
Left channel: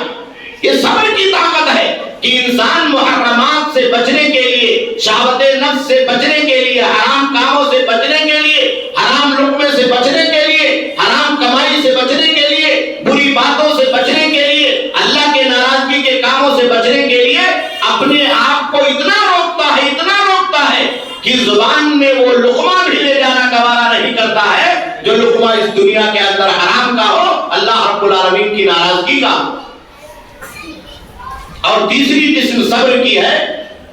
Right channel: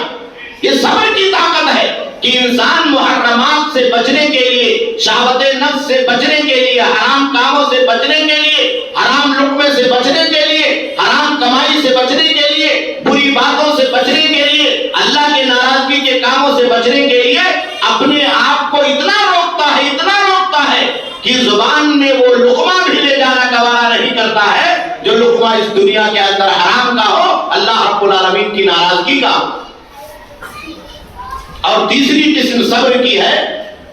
یہ صبر کی طاقت ہے کہ انسان محرمات سے بچنے کے لیے, شہوت نفس سے بچنے کے لیے, حرام کاموں سے بچنے کے لیے, حرام لقمے سے بچنے کے لیے, حرام کمائی سے بچنے کے لیے, بری باتوں سے بچنے کے لیے, اللہ کے ناراضگی کے کاموں سے بچنے کے لیے اپنے آپ کو اتنا روکتا ہے کہ زبان میں وہ لقمہ بھی لے جانا گوارا نہیں کرتا ہے جو لقمہ اس دنیا کے اندر حرام کا ہو, اللہ رب العالمین کی ناراضگی کا ہو. اور تیسری قسم صبر کی ہے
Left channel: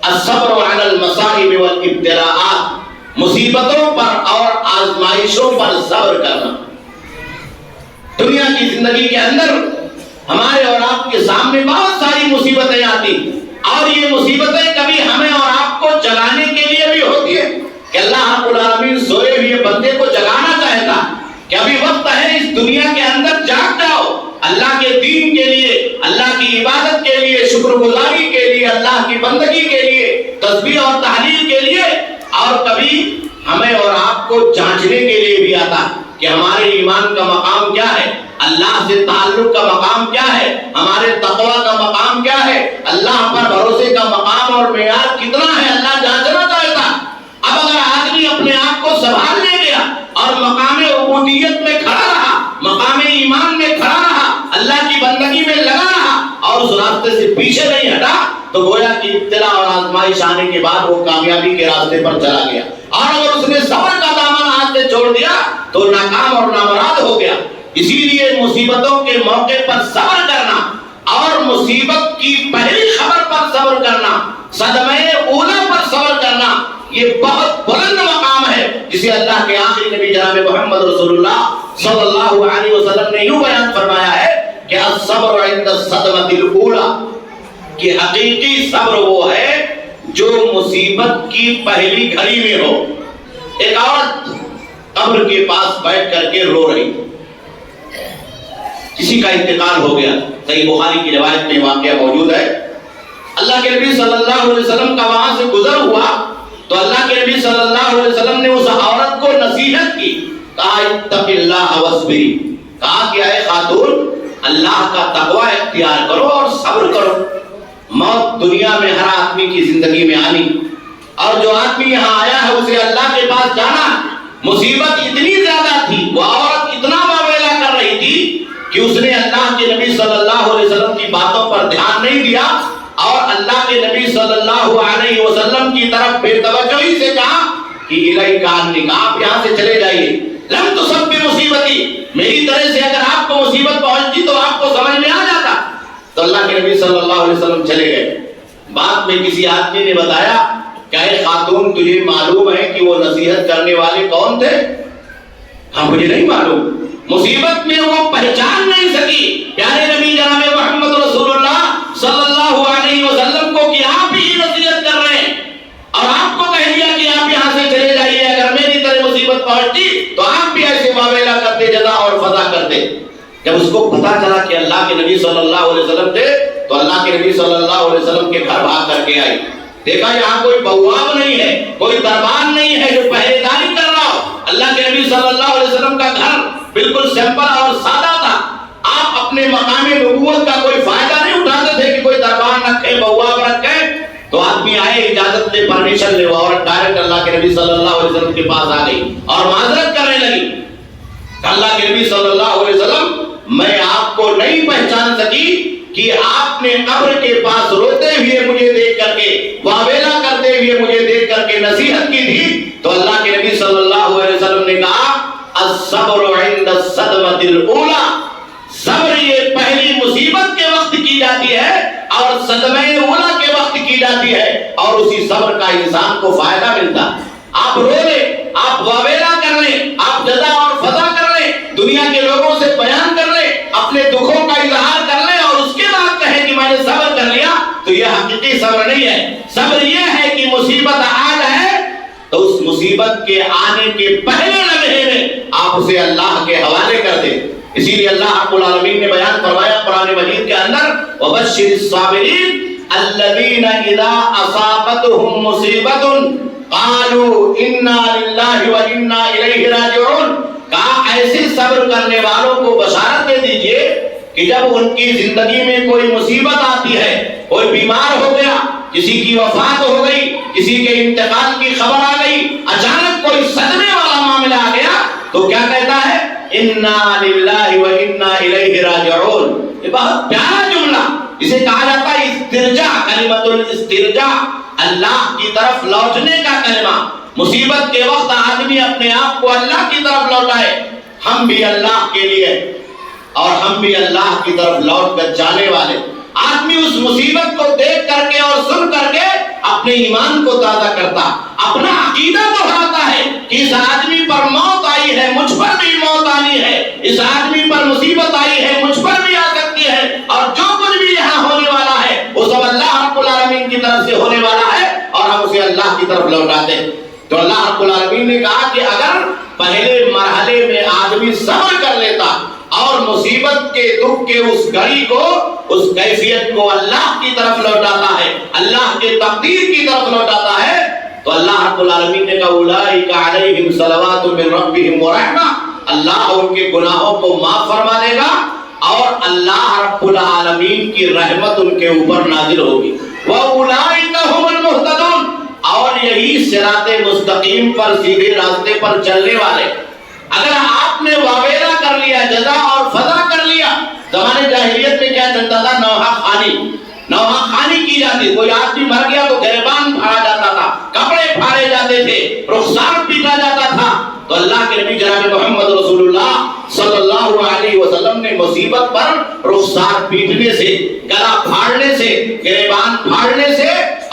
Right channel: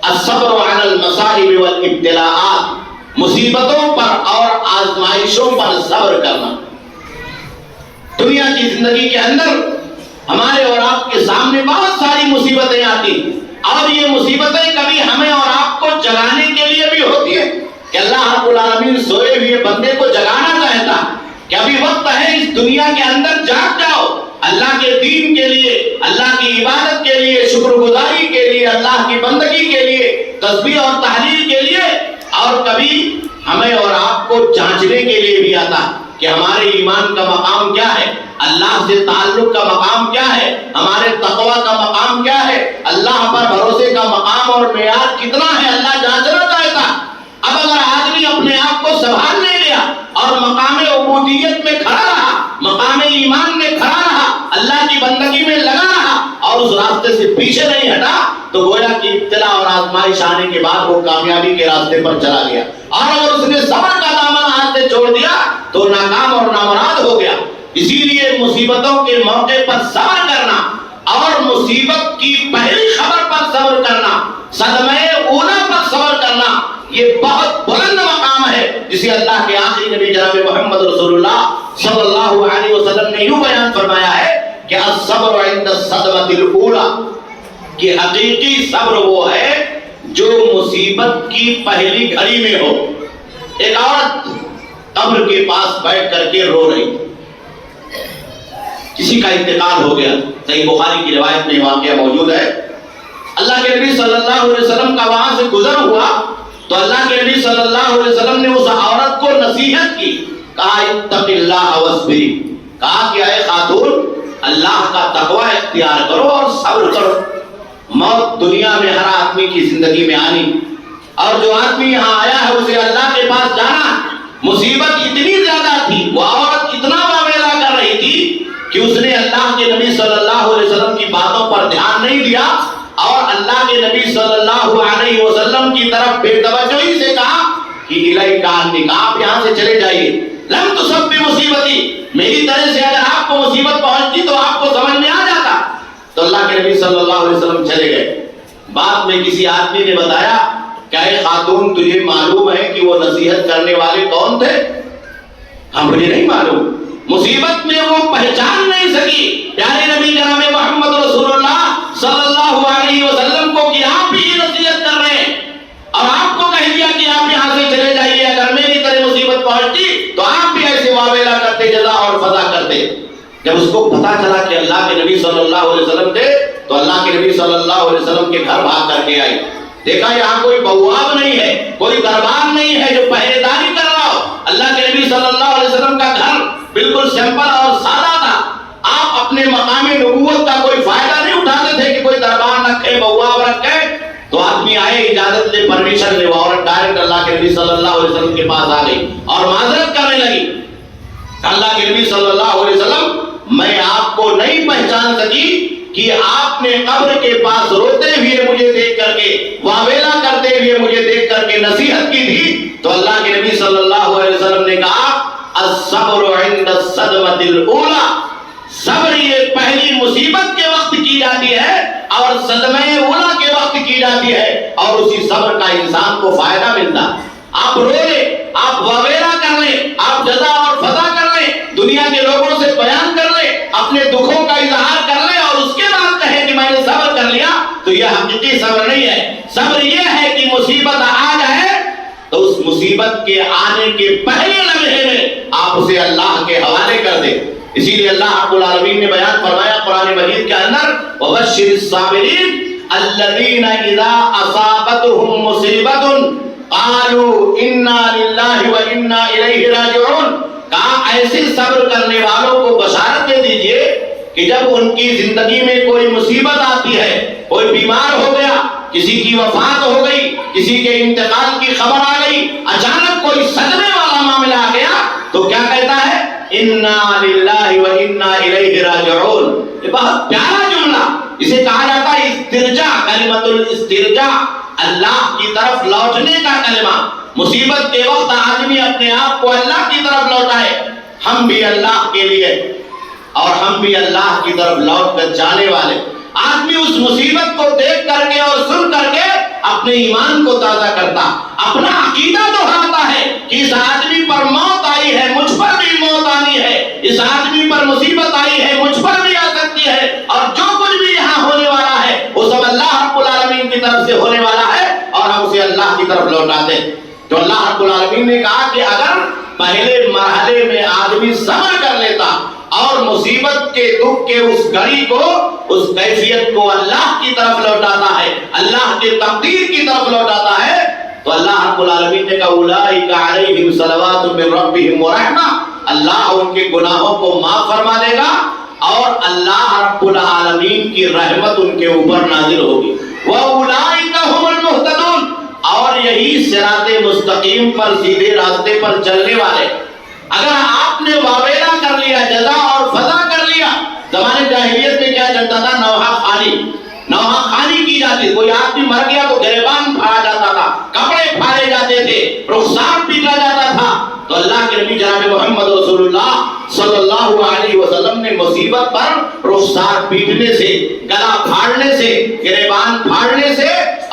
الصبر علی المصائب والابتلاءات. مصیبتوں پر اور آزمائشوں پر صبر کرنا۔ دنیا کی زندگی کے اندر ہمارے اور آپ کے سامنے بہت ساری مصیبتیں آتی، اور یہ مصیبتیں کبھی ہمیں اور آپ کو جگانے کے لیے بھی ہوتی ہے کہ اللہ رب العالمین سوئے ہوئے بندے کو جگانا چاہتا کہ ابھی وقت ہے، اس دنیا کے اندر جاگ جاؤ، اللہ کے دین کے لیے، اللہ کی عبادت کے لیے، شکر گزاری کے لیے، اللہ کی بندگی کے لیے، تسبیح اور تحلیل کے لیے۔ اور کبھی ہمیں اور آپ کو جانچنے کے لیے بھی آتا کہ ہمارے ایمان کا مقام کیا ہے، اللہ سے تعلق کا مقام کیا ہے، ہمارے تقوی کا مقام کیا ہے، اللہ پر بھروسے کا مقام اور معیار کتنا ہے، اللہ جانچنا چاہتا۔ اب اگر آدمی اپنے آپ کو سنبھال لے گیا اور مقام عبودیت میں کھڑا رہا، مقام ایمان میں کھڑا رہا، اللہ کی بندگی میں لگا رہا اور اس راستے سے پیچھے نہیں ہٹا، تو گویا کہ ابتلا اور آزمائش آنے کے بعد وہ کامیابی کے راستے پر چلا گیا۔ اور اگر اس نے صبر کا دامن ہاتھ سے چھوڑ دیا تو ناکام اور نامراد ہو گیا۔ اسی لیے مصیبتوں کے موقع پر صبر کرنا اور مصیبت کی پہلی خبر پر صبر کرنا، صدمہ اولا پر صبر کرنا، یہ بہت بلند مقام ہے جسے اللہ کے آخری نبی جناب محمد رسول اللہ صلی اللہ علیہ وسلم نے یوں بیان فرمایا ہے کہ الصبر عند الصدمۃ الاولی، کہ حقیقی صبر وہ ہے جو مصیبت کی پہلی گھڑی میں ہو۔ ایک عورت قبر کے پاس بیٹھ کر کے رو رہی، کسی کا انتقال ہو گیا، صحیح بخاری کی روایت میں واقعہ موجود ہے۔ اللہ کے نبی صلی اللہ علیہ وسلم کا وہاں سے گزر ہوا تو اللہ کے نبی صلی اللہ علیہ وسلم نے اس عورت کو نصیحت کی، کہا اتق اللہ واصبری، کہا کہ اے خاتون اللہ کا تقوی اختیار کرو اور صبر کرو۔ موت دنیا میں ہر آدمی کی زندگی میں آنی، اور جو آدمی یہاں آیا ہے اسے اللہ کے پاس جانا۔ مصیبت اتنی زیادہ تھی، وہ عورت اتنا واویلا کر رہی تھی کہ اس نے اللہ کے نبی صلی اللہ علیہ وسلم کی باتوں پر دھیان نہیں دیا اور اللہ کے نبی صلی اللہ علیہ وسلم کی طرف بے توجہی سے کہا کہ الیک عنی، آپ یہاں سے چلے جائیے، لم تصب بمصیبتی، میری طرح سے اگر آپ کو مصیبت پہنچتی تو آپ کو سمجھ میں آ جاتا۔ تو اللہ کے نبی صلی اللہ علیہ وسلم چلے گئے۔ بعد میں کسی آدمی نے بتایا کہ اے خاتون تجھے معلوم ہے کہ وہ نصیحت کرنے والے کون تھے؟ ہاں مجھے نہیں معلوم۔ مصیبت میں وہ پہچان نہیں سکی پیارے نبی جناب محمد رسول اللہ صلی اللہ علیہ وسلم کو کہ آپ ہی نصیحت کر رہے ہیں، اور آپ کو کہہ دیا کہ آپ یہاں سے چلے جائیے، اگر میری طرح مصیبت پہنچتی تو آپ بھی ایسے واویلا کرتے، جزا اور فضا کرتے۔ جب اس کو پتا چلا کہ اللہ کے نبی صلی اللہ علیہ وسلم تھے تو اللہ کے نبی صلی اللہ علیہ وسلم کے گھر بھاگ کر کے آئی، دیکھا یہاں کوئی بواب نہیں ہے، کوئی دربان نہیں ہے جو پہرے داری کر رہا ہو۔ اللہ کے نبی صلی اللہ علیہ وسلم کا گھر بالکل سمپل اور سادہ تھا۔ آپ اپنے مقام نبوت کا کوئی فائدہ نہیں اٹھاتے تھے کہ کوئی دربان رکھے، بواب رکھے۔ تو آدمی آئے، اجازت لے، پرمیشن لے، وہ عورت ڈائریکٹ اللہ کے نبی صلی اللہ علیہ وسلم کے پاس آ گئی اور معذرت کرنے لگی۔ اللہ کے نبی صلی اللہ علیہ وسلم میں آپ کو نہیں پہچان سکی کہ آپ نے قبر کے پاس روتے ہوئے مجھے دیکھ کر کے، واویلا کرتے ہوئے مجھے دیکھ کر کے نصیحت کی تھی۔ تو اللہ کے نبی صلی اللہ علیہ وسلم نے کہا الصبر عند الصدمۃ الاولی، صبر یہ پہلی مصیبت کے وقت کی جاتی ہے اور صدمہ اولا کے وقت کی جاتی ہے، اور اسی صبر کا انسان کو فائدہ ملتا۔ آپ رو لیں، آپ واویلا کر لیں، آپ جزا اور فضا کر لیں، دنیا کے لوگوں سے بیان کر لیں، اپنے دکھوں کا اظہار کر لیں اور اس کے بعد کہیں کہ میں نے صبر کر لیا، تو یہ حقیقی صبر نہیں ہے۔ صبر یہ ہے کہ مصیبت آ جائے تو اس مصیبت کے آنے کے پہلے لمحے میں آپ اسے اللہ کے حوالے کر دیں۔ اسی لیے اللہ رب العالمین نے بیان فرمایا قرآن مجید کے اندر وَبَشِّرِ الصَّابِرِينَ الَّذِينَ إِذَا أَصَابَتْهُم مُّصِيبَةٌ قَالُوا إِنَّا لِلَّهِ وَإِنَّا إِلَيْهِ رَاجِعُونَ، کہا ایسے صبر کرنے والوں کو بشارت دے دیجئے کہ جب ان کی زندگی میں کوئی مصیبت آتی ہے، کوئی بیمار ہو گیا، کسی کی وفات ہو گئی، کسی کے انتقال کی خبر آ گئی، اچانک کوئی صدمے والا معاملہ آ گیا، تو کیا کہتا ہے اِنَّا لِلَّهِ وَإِنَّا إِلَيْهِ رَاجِعُونَ۔ یہ بہت پیارا جملہ، اسے کہا جاتا ہے استرجاع، کلمۃ الاسترجاع، اللہ کی طرف لوٹنے کا کلمہ۔ مصیبت کے وقت آدمی اپنے آپ کو اللہ کی طرف لوٹائے، ہم بھی اللہ کے لیے اور ہم بھی اللہ کی طرف لوٹ کر جانے والے۔ آدمی اس مصیبت کو دیکھ کر کے اور سن کر کے اپنے ایمان کو تازہ کرتا، اپنا عقیدہ دہراتا ہے کہ اس آدمی پر موت آئی ہے، مجھ پر بھی موت آنی ہے، اس آدمی پر مصیبت آئی ہے، مجھ پر بھی آ سکتی ہے، اور جو کچھ بھی یہاں ہونے والا ہے وہ سب اللہ رب العالمین کی طرف سے ہونے والا ہے، اور ہم اسے اللہ کی طرف لوٹاتے ہیں۔ تو اللہ رب العالمین نے کہا کہ اگر پہلے مرحلے میں آدمی صبر کر لیتا اور مصیبت کے دکھ کے اس گھڑی کو، اس کیفیت کو اللہ کی طرف لوٹاتا ہے، اللہ کے تقدیر کی طرف لوٹاتا ہے، تو اللہ رب العالمین نے کہا اولئک علیہم صلوات من ربہم ورحمہ، اللہ ان کے گناہوں کو معاف فرما دے گا اور اللہ رب العالمین کی رحمت ان کے اوپر نازل ہوگی، وَأُولَئِكَ هُمُ الْمُهْتَدُونَ، اور یہی صراط مستقیم پر، سیدھے راستے پر چلنے والے۔ اگر آپ نے واویلا کر لیا، جزا اور فضا کر لیا، زمانے جاہلیت میں کیا چلتا تھا؟ نوحہ خانی، نوحہ خانی کی جاتی، کوئی آدمی مر گیا تو گریبان پھاڑا جاتا تھا، کپڑے پھاڑے جاتے تھے، رخسار پیٹا جاتا تھا۔ تو اللہ کے نبی جناب محمد رسول اللہ صلی اللہ علیہ وسلم نے مصیبت پر رخسار پیٹنے سے، گلا پھاڑنے سے، گریبان پھاڑنے سے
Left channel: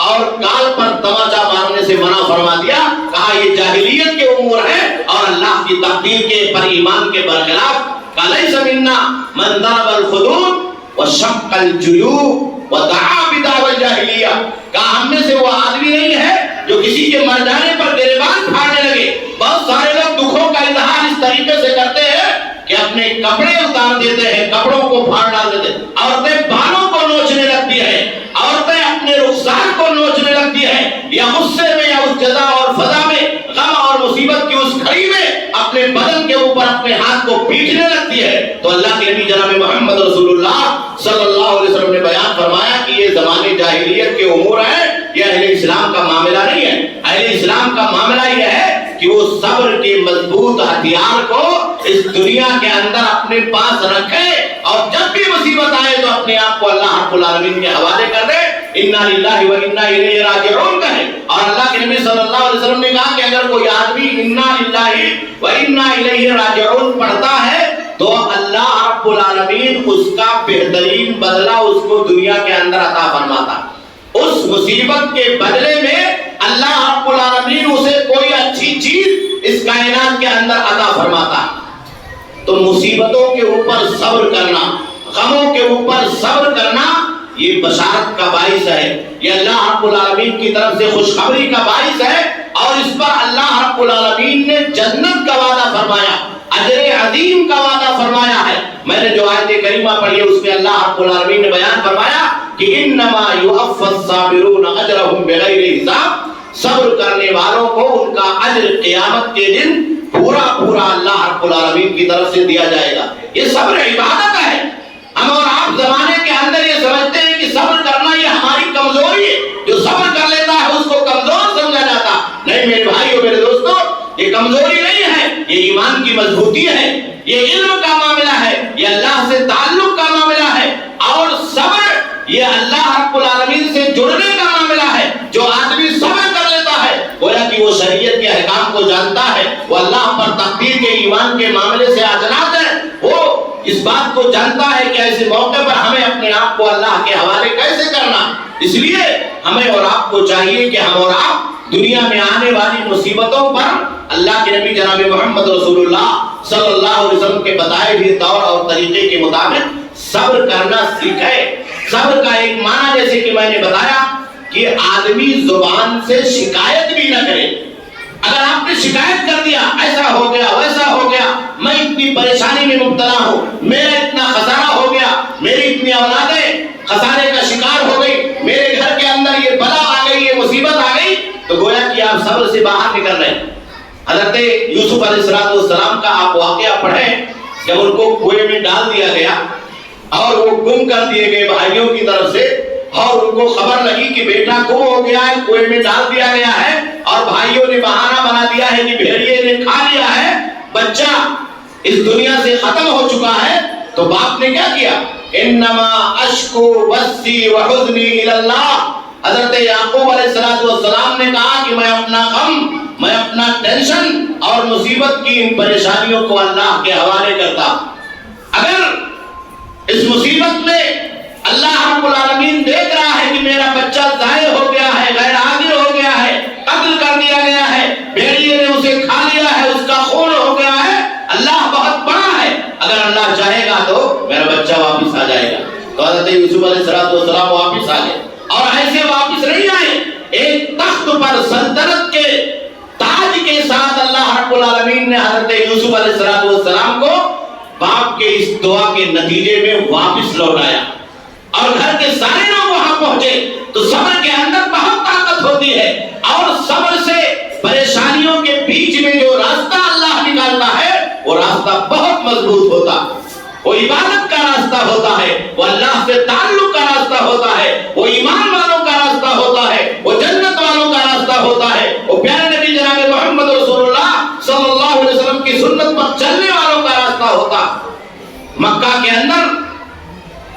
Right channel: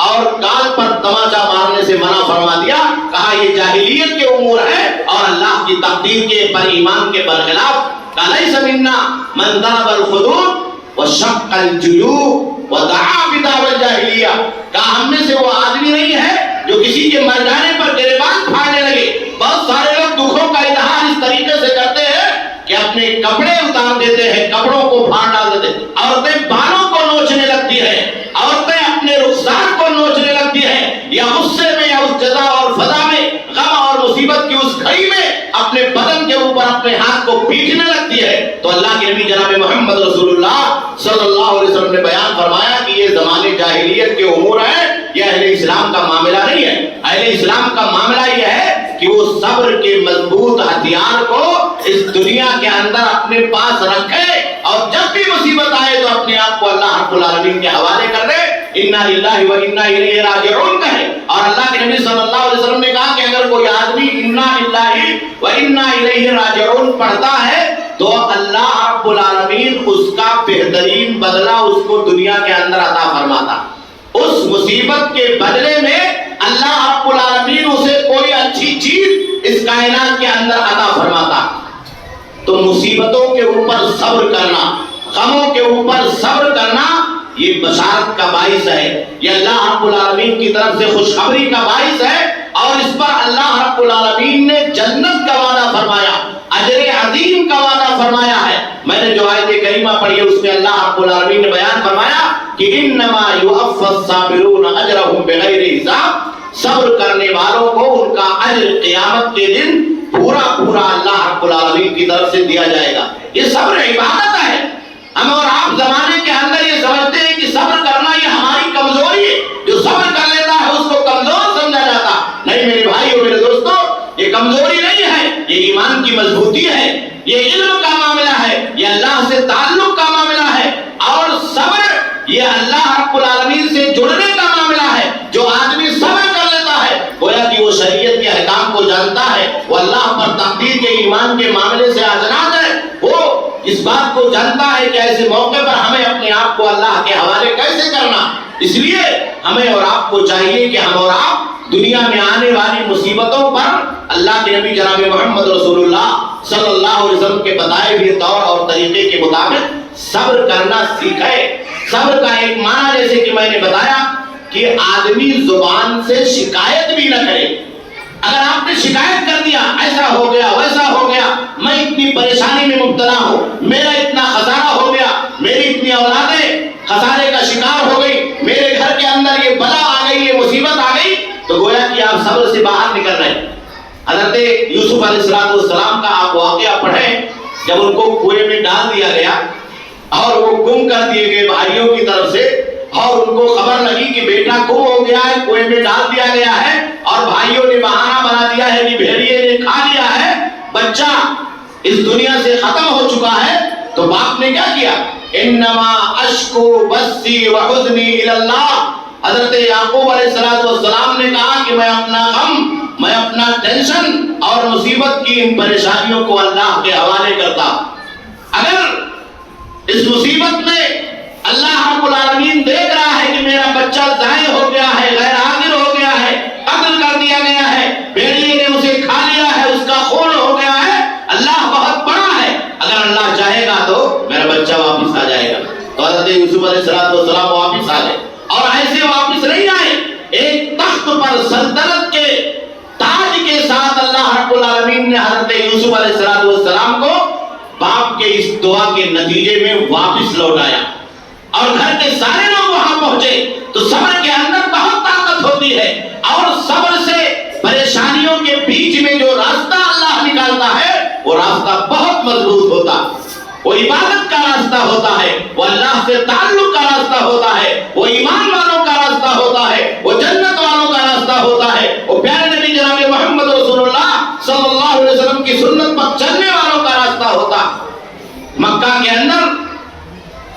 اور گال پر تماچا مارنے سے منع فرما دیا، کہا یہ جاہلیت کے امور ہیں اور اللہ کی تقدیر کے پر ایمان کے برخلاف۔ لیس منا من ضرب الخدود وشق الجیوب ودعا بدعوى الجاہلیہ، کہا ہم میں سے وہ آدمی نہیں ہے جو کسی کے مر جانے پر گریبان پھاڑنے لگے۔ بہت سارے لوگ دکھوں کا اظہار اس طریقے سے کرتے ہیں کہ اپنے کپڑے اتار دیتے ہیں، کپڑوں کو پھاڑ ڈال دیتے ہیں، عورتیں بالوں کو نوچنے لگتی ہیں، عورتیں اپنے رخسار کو نوچنے لگتی ہیں، یا غصے میں یا اس جزا اور فضا میں، غم اور مصیبت کی اس گھڑی میں اپنے بدن کے اوپر اپنے ہاتھ کو پیٹنے لگتی ہے۔ تو اللہ کے نبی جناب محمد رسول اللہ صلی اللہ علیہ وسلم نے بیان فرمایا کہ یہ زمانے جاہلیت کے امور ہیں، یہ اہل اسلام کا معاملہ نہیں ہے۔ اہل اسلام کا معاملہ یہ ہے کہ وہ صبر کے مضبوط ہتھیار کو اس دنیا کے اندر اپنے پاس رکھے، اور جب بھی مصیبت آئے تو اپنے آپ کو اللہ رب العالمین کے حوالے کر دے، انا للہ و انا الیہ راجعون کہے۔ اور اللہ کے نبی صلی اللہ علیہ وسلم نے کہا کہ اگر کوئی آدمی انا للہ و انا الیہ راجعون پڑھتا ہے تو اللہ رب العالمین اس کا بہترین بدلہ اس کو دنیا کے اندر عطا فرماتا۔ اس مصیبت کے بدلے میں اللہ رب العالمین اسے کوئی اچھی چیز اس کائنات کے اندر عطا فرماتا۔ تو مصیبتوں کے اوپر صبر کرنا، غموں کے اوپر صبر کرنا، یہ بشارت کا باعث ہے، یہ اللہ رب العالمین کی طرف سے خوشخبری کا باعث ہے، اور اس پر اللہ رب العالمین نے جنت کا وعدہ فرمایا، اجر عظیم کا وعدہ فرمایا ہے۔ میں نے جو آیت کریمہ پڑھی ہے اس میں اللہ رب العالمین نے بیان فرمایا کہ انما یوفی الصابرون اجرهم بغیر حساب، صبر کرنے والوں کو ان کا اجر قیامت کے دن پورا پورا اللہ رب العالمین کی طرف سے دیا جائے گا۔ یہ صبر عبادت ہے۔ ہم اور آپ زمانے کے اندر یہ سمجھتے ہیں کہ صبر کرنا یہ ہماری کمزوری ہے، جو صبر کر لیتا ہے اس کو کمزور سمجھا جاتا۔ نہیں میرے بھائیو، میرے دوستو، یہ کمزوری نہیں ہے، یہ ایمان کی مضبوطی ہے، یہ علم کا معاملہ ہے، یہ اللہ سے تعلق کا معاملہ ہے، اور صبر یہ اللہ رب العالمین سے جڑنے کا معاملہ ہے۔ جو آدمی صبر کر لیتا ہے گویا کہ وہ شریعت کے احکام کو جانتا ہے، وہ اللہ پر تقدیر کے ایمان کے معاملے سے آجناز ہے، وہ اس بات کو جانتا ہے کہ ایسے موقع پر ہمیں اپنے آپ کو اللہ کے حوالے کیسے کرنا۔ اس لیے ہمیں اور آپ کو چاہیے کہ ہم اور آپ دنیا میں آنے والی مصیبتوں پر اللہ کے نبی جناب محمد رسول اللہ صلی اللہ علیہ وسلم کے بتائے ہوئے طور اور طریقے کے مطابق صبر کرنا سیکھے۔ صبر کا ایک معنی جیسے کہ میں نے بتایا کہ آدمی زبان سے شکایت بھی نہ کرے۔ اگر آپ نے شکایت کر دیا ایسا ہو گیا ویسا ہو گیا، میں اتنی پریشانی میں مبتلا ہوں، میرا اتنا خسارہ ہو گیا، میری اتنی اولادیں خسارے کا شکار ہو گئی، میرے گھر کے اندر یہ بلا آ گئی، یہ مصیبت آ گئی، تو گویا کہ آپ صبر سے باہر نکل رہے ہیں۔ حضرت یوسف علیہ السلام کا آپ واقعہ پڑھیں، جب ان کو کنویں میں ڈال دیا گیا اور وہ گم کر دیے گئے بھائیوں کی طرف سے، اور ان کو خبر لگی کہ بیٹا گم ہو گیا ہے، کنویں میں ڈال دیا گیا ہے، اور بھائیوں نے بہانہ بنا دیا ہے کہ بھیڑیے نے کھا لیا ہے، بچہ اس دنیا سے ختم ہو چکا ہے، تو باپ نے کیا کیا؟ انما اشکو بثی وحزنی الی اللہ۔ حضرت یعقوب علیہ السلام نے کہا کہ میں اپنا غم، میں اپنا ٹینشن اور مصیبت کی ان پریشانیوں کو اللہ کے حوالے کرتا۔ اگر اس مصیبت میں اللہ رب العالمین دیکھ رہا ہے کہ میرا بچہ ضائع ہو گیا ہے، غیر حاضر حضرت یوسف علیہ السلام واپس آ گئے، اور ایسے واپس نہیں آئے، ایک تخت پر سلطنت کے تاج کے ساتھ اللہ رب العالمین نے حضرت یوسف علیہ السلام کو باپ کے اس دعا کے نتیجے میں واپس لوٹایا، اور گھر کے سارے لوگ وہاں پہنچے۔ تو صبر کے اندر بہت طاقت ہوتی ہے، اور صبر سے پریشانیوں کے بیچ میں جو راستہ اللہ نکالتا ہے وہ راستہ بہت مضبوط ہوتا ہے، وہ عبادت کا راستہ ہوتا ہے، وہ اللہ سے تعلق کا راستہ ہوتا ہے، وہ ایمان والوں کا راستہ ہوتا ہے، وہ جنت والوں کا راستہ ہوتا ہے، وہ پیارے نبی جناب محمد رسول اللہ صلی اللہ علیہ وسلم کی سنت پر چلنے والوں کا راستہ ہوتا۔ مکہ کے اندر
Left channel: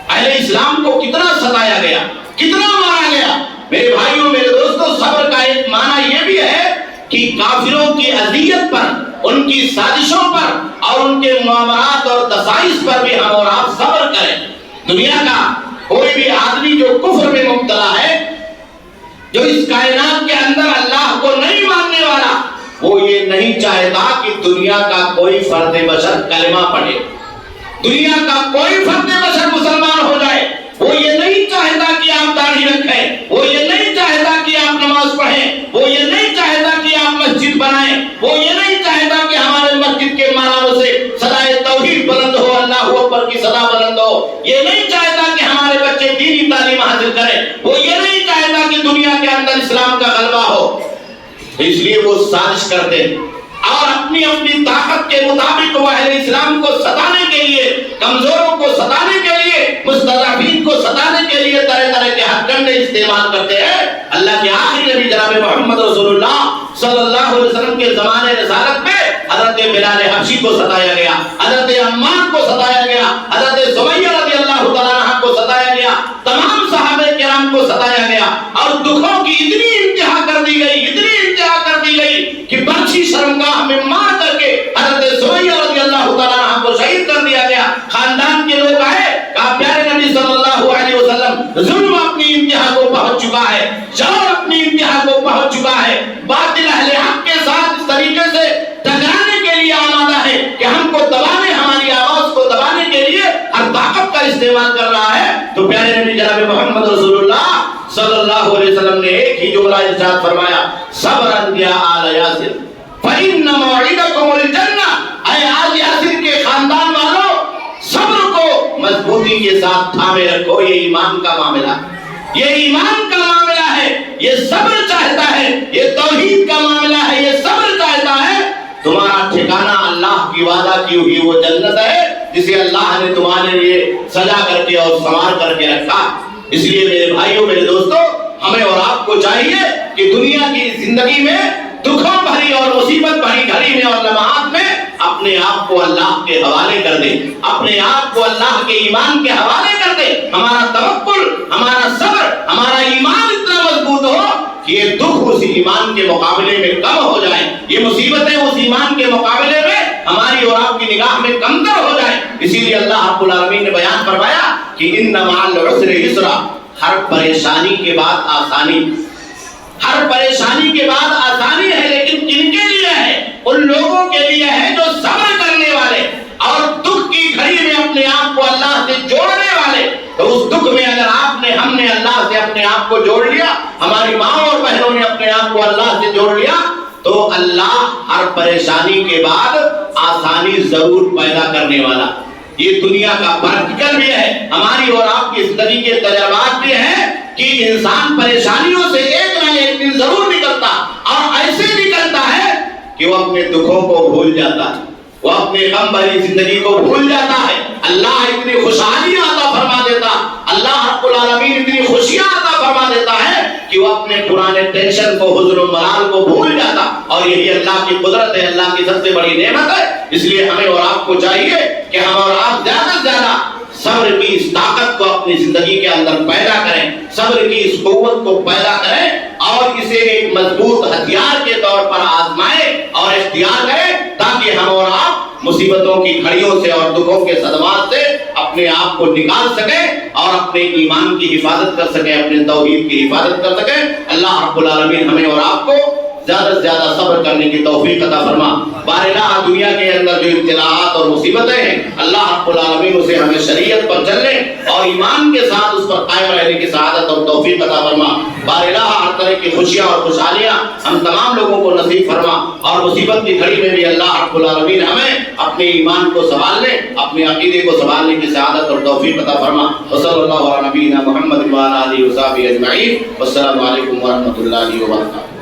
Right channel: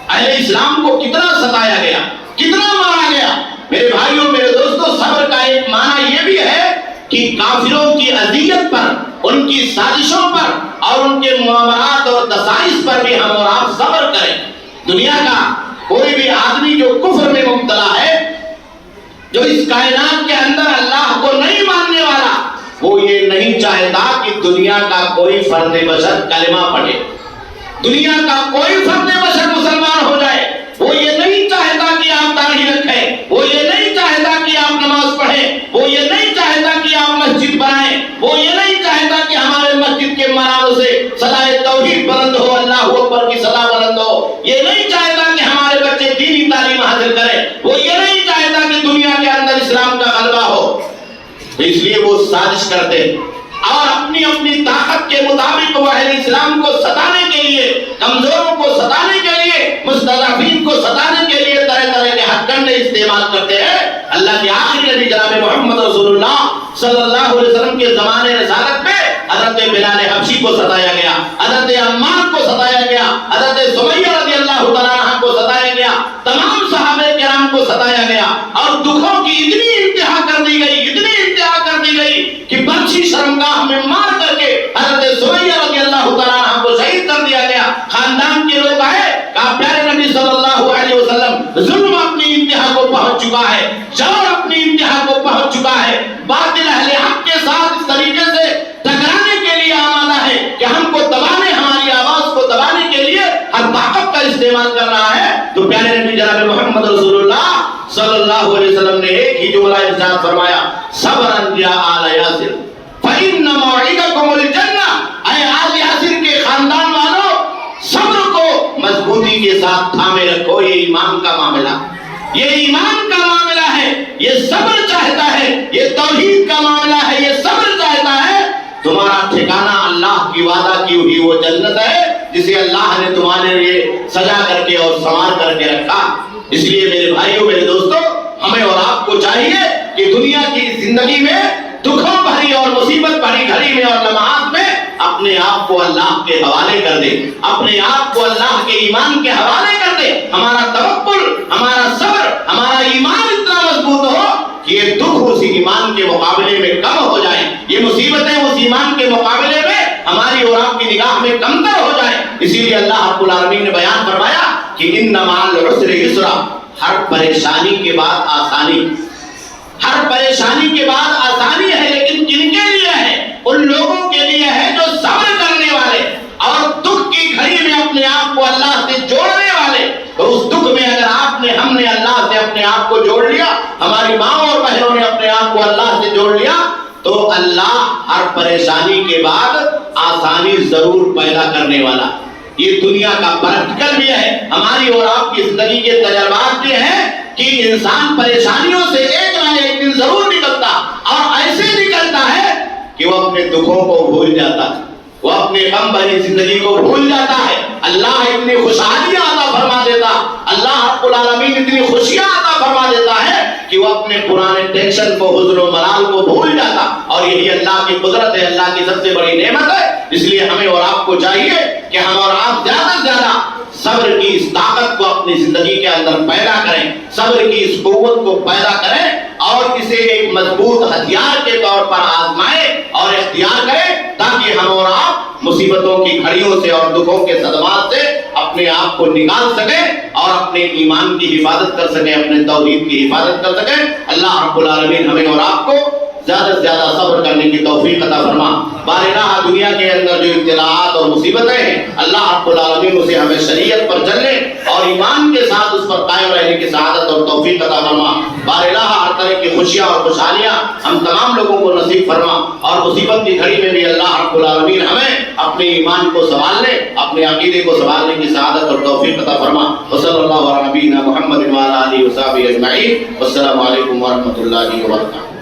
اہل اسلام کو کتنا ستایا گیا، کتنا مارا گیا۔ میرے بھائیوں، میرے دوستوں، صبر کا ایک معنی یہ بھی ہے کہ کافروں کی اذیت پر، ان کی سازشوں پر اور ان کے معاملات اور دسائس پر بھی ہم اور آپ صبر کریں۔ دنیا کا کوئی بھی آدمی جو کفر میں مبتلا ہے، جو اس کائنات کے اندر اللہ کو نہیں ماننے والا، وہ یہ نہیں چاہتا کہ دنیا کا کوئی فرد بشر کلمہ پڑھے، دنیا کا کوئی فرد بشر مسلمان ہو جائے۔ وہ یہ نہیں چاہتا کہ آپ داڑھی رکھیں، وہ یہ نہیں چاہتا کہ آپ نماز پڑھیں، وہ یہ نہیں چاہتا کہ آپ مسجد بنائیں، وہ یہ نہیں چاہتا کہ ہمارے مسجد کے مناروں سے صدائے توحید بلند ہو، اللہ اکبر کی صدا بلند ہو۔ یہ نہیں چاہتا کہ ہمارے بچے دینی تعلیم حاصل کریں، وہ یہ نہیں چاہتا کہ دنیا کے اندر اسلام کا غلبہ ہو۔ اس لیے وہ سازش کرتے اور اپنی اپنی طاقت کے مطابق وہ اہل اسلام کو ستانے کے لیے، کمزوروں کو ستانے کے لیے، مستضعفین کو ستانے کے لیے طرح طرح کے ہتھ کنڈے استعمال کرتے ہیں۔ اللہ کے آخری نبی جناب محمد رسول اللہ صلی اللہ علیہ وسلم کے زمانے رسالت میں حضرت بلال حبشی کو ستایا گیا، حضرت عمار کو ستایا گیا، حضرت سمیہ رضی اللہ تعالیٰ عنہ کو ستایا گیا، تمام صحابہ کرام کو ستایا گیا، اور دکھوں کی اتنی انتہا کر دی گئی، اتنی انتہا کر دی گئی کہ برچی شرمگاہ میں مار کر کے حضرت سمیہ رضی اللہ تعالیٰ عنہ کو شہید کر دیا گیا۔ خاندان کے لوگ آئے، کہا پیارے نبی صلی اللہ علیہ وسلم، ظلم اپنی انتہا کو پہنچ چکا ہے، جور اپنی انتہا کو پہنچ چکا ہے، باطل اہل حق کے ساتھ اس طریقے سے ٹکرانے کے لیے آمادہ ہے کہ ہم کو دبانے، ہماری آواز کو دبانے کے لیے ہر طاقت کا استعمال کر رہا ہے۔ تو پیارے نبی جناب محمد رسول اللہ صلی اللہ علیہ وسلم نے ایک ہی جملہ ارشاد فرمایا، صبرا یا آل یاسر فإن موعدکم الجنہ۔ اے آل یاسر کے خاندان والوں، صبر کو مضبوطی کے ساتھ تھامے رکھو، یہ ایمان کا معاملہ، یہ ایمان کا معاملہ ہے، یہ صبر چاہتا ہے، یہ توحید کا معاملہ ہے، یہ صبر چاہتا ہے۔ تمہارا ٹھکانہ اللہ کی وعدہ کی ہوئی وہ جنت ہے جسے اللہ نے تمہارے لیے سجا کر کے اور سنوار کر کے رکھا۔ اس لیے میرے بھائیوں، میرے دوستوں، ہمیں اور آپ کو چاہیے کہ دنیا کی زندگی میں دکھوں بھری اور مصیبت بھری گھڑی میں اور لمحات میں اپنے آپ کو اللہ کے حوالے کر دے، اپنے آپ کو اللہ کے ایمان کے حوالے کر دے۔ ہمارا توکل، ہمارا صبر، ہمارا ایمان اتنا مضبوط ہو کہ یہ دکھ اس ایمان کے مقابلے میں کم ہو جائیں، یہ مصیبتیں اس ایمان کے مقابلے میں ہماری اور آپ کی نگاہ میں کمتر ہو جائیں۔ اسی لیے اللہ رب العالمین نے بیان فرمایا کہ ان مع العسر یسرا، ہر پریشانی کے بعد آسانی، ہر پریشانی کے بعد آسانی ہے، لیکن کن کے لیے ہے؟ ان لوگوں کے لیے ہے جو صبر کرنے والے اور دکھ کی گھڑی میں اپنے آپ کو اللہ سے جوڑنے والے۔ تو اس دکھ میں اگر آپ نے، ہم نے اللہ سے اپنے آپ کو جوڑ لیا، ہماری ماں اور بہنوں نے اپنے آپ کو اللہ سے جوڑ لیا، تو اللہ ہر پریشانی کے بعد آسانی ضرور پیدا کرنے والا۔ یہ دنیا کا پریکٹیکل بھی ہے، ہماری اور آپ کی زندگی کے تجربات بھی ہیں کہ انسان پریشانیوں سے ایک نہ ایک دن ضرور نکلتا، اور ایسے نکلتا ہے کہ وہ اپنے دکھوں کو بھول جاتا ہے، وہ اپنے غم بھری زندگی کو بھول جاتا ہے۔ اللہ اتنی خوشحالیاں عطا فرما دیتا، اللہ رب العالمین اتنی خوشیاں عطا فرما دیتا ہے کہ وہ اپنے پرانے ٹینشن کو، حزن و ملال کو بھول جاتا، اور یہی اللہ کی قدرت ہے، اللہ کی سب سے بڑی نعمت ہے۔ اس لیے ہمیں اور آپ کو چاہیے کہ ہم اور آپ زیادہ سے زیادہ صبر کی اس طاقت کو اپنی زندگی کے اندر پیدا کریں، صبر کی اس قوت کو پیدا کریں، اور اسے ایک مضبوط ہتھیار کے طور پر آزمائیں اور اختیار کریں، تاکہ ہم اور آپ مصیبتوں کی گھڑیوں سے اور دکھوں کے صدمات سے اپنے آپ کو نکال سکیں اور اپنے ایمان کی حفاظت کر سکیں، اپنے توحید کی حفاظت کر سکیں۔ اللہ رب العالمین ہمیں اور آپ کو زیادہ سے زیادہ صبر کرنے کی توفیق عطا فرما۔ بارہا دنیا کے اندر جو ابتلاءات اور مصیبتیں ہیں اللہ رب العالمین اسے ہمیں شریعت پر چلنے اور ایمان کے ساتھ اس پر قائم رہنے کی سعادت اور توفیق عطا فرما۔ بارہا ہر طرح کی خوشیاں اور خوشحالیاں ہم تمام لوگوں کو نصیب فرما، اور مصیبت کی گھڑی میں بھی اللہ رب العالمین ہمیں اپنے ایمان کو سنبھالنے، اپنے عقیدے کو سنبھالنے کی سعادت اور توفیق عطا فرما۔ وصلی اللہ علی نبینا محمد وعلی آلہ وصحبہ اجمعین۔ والسلام علیکم ورحمۃ اللہ وبرکاتہ۔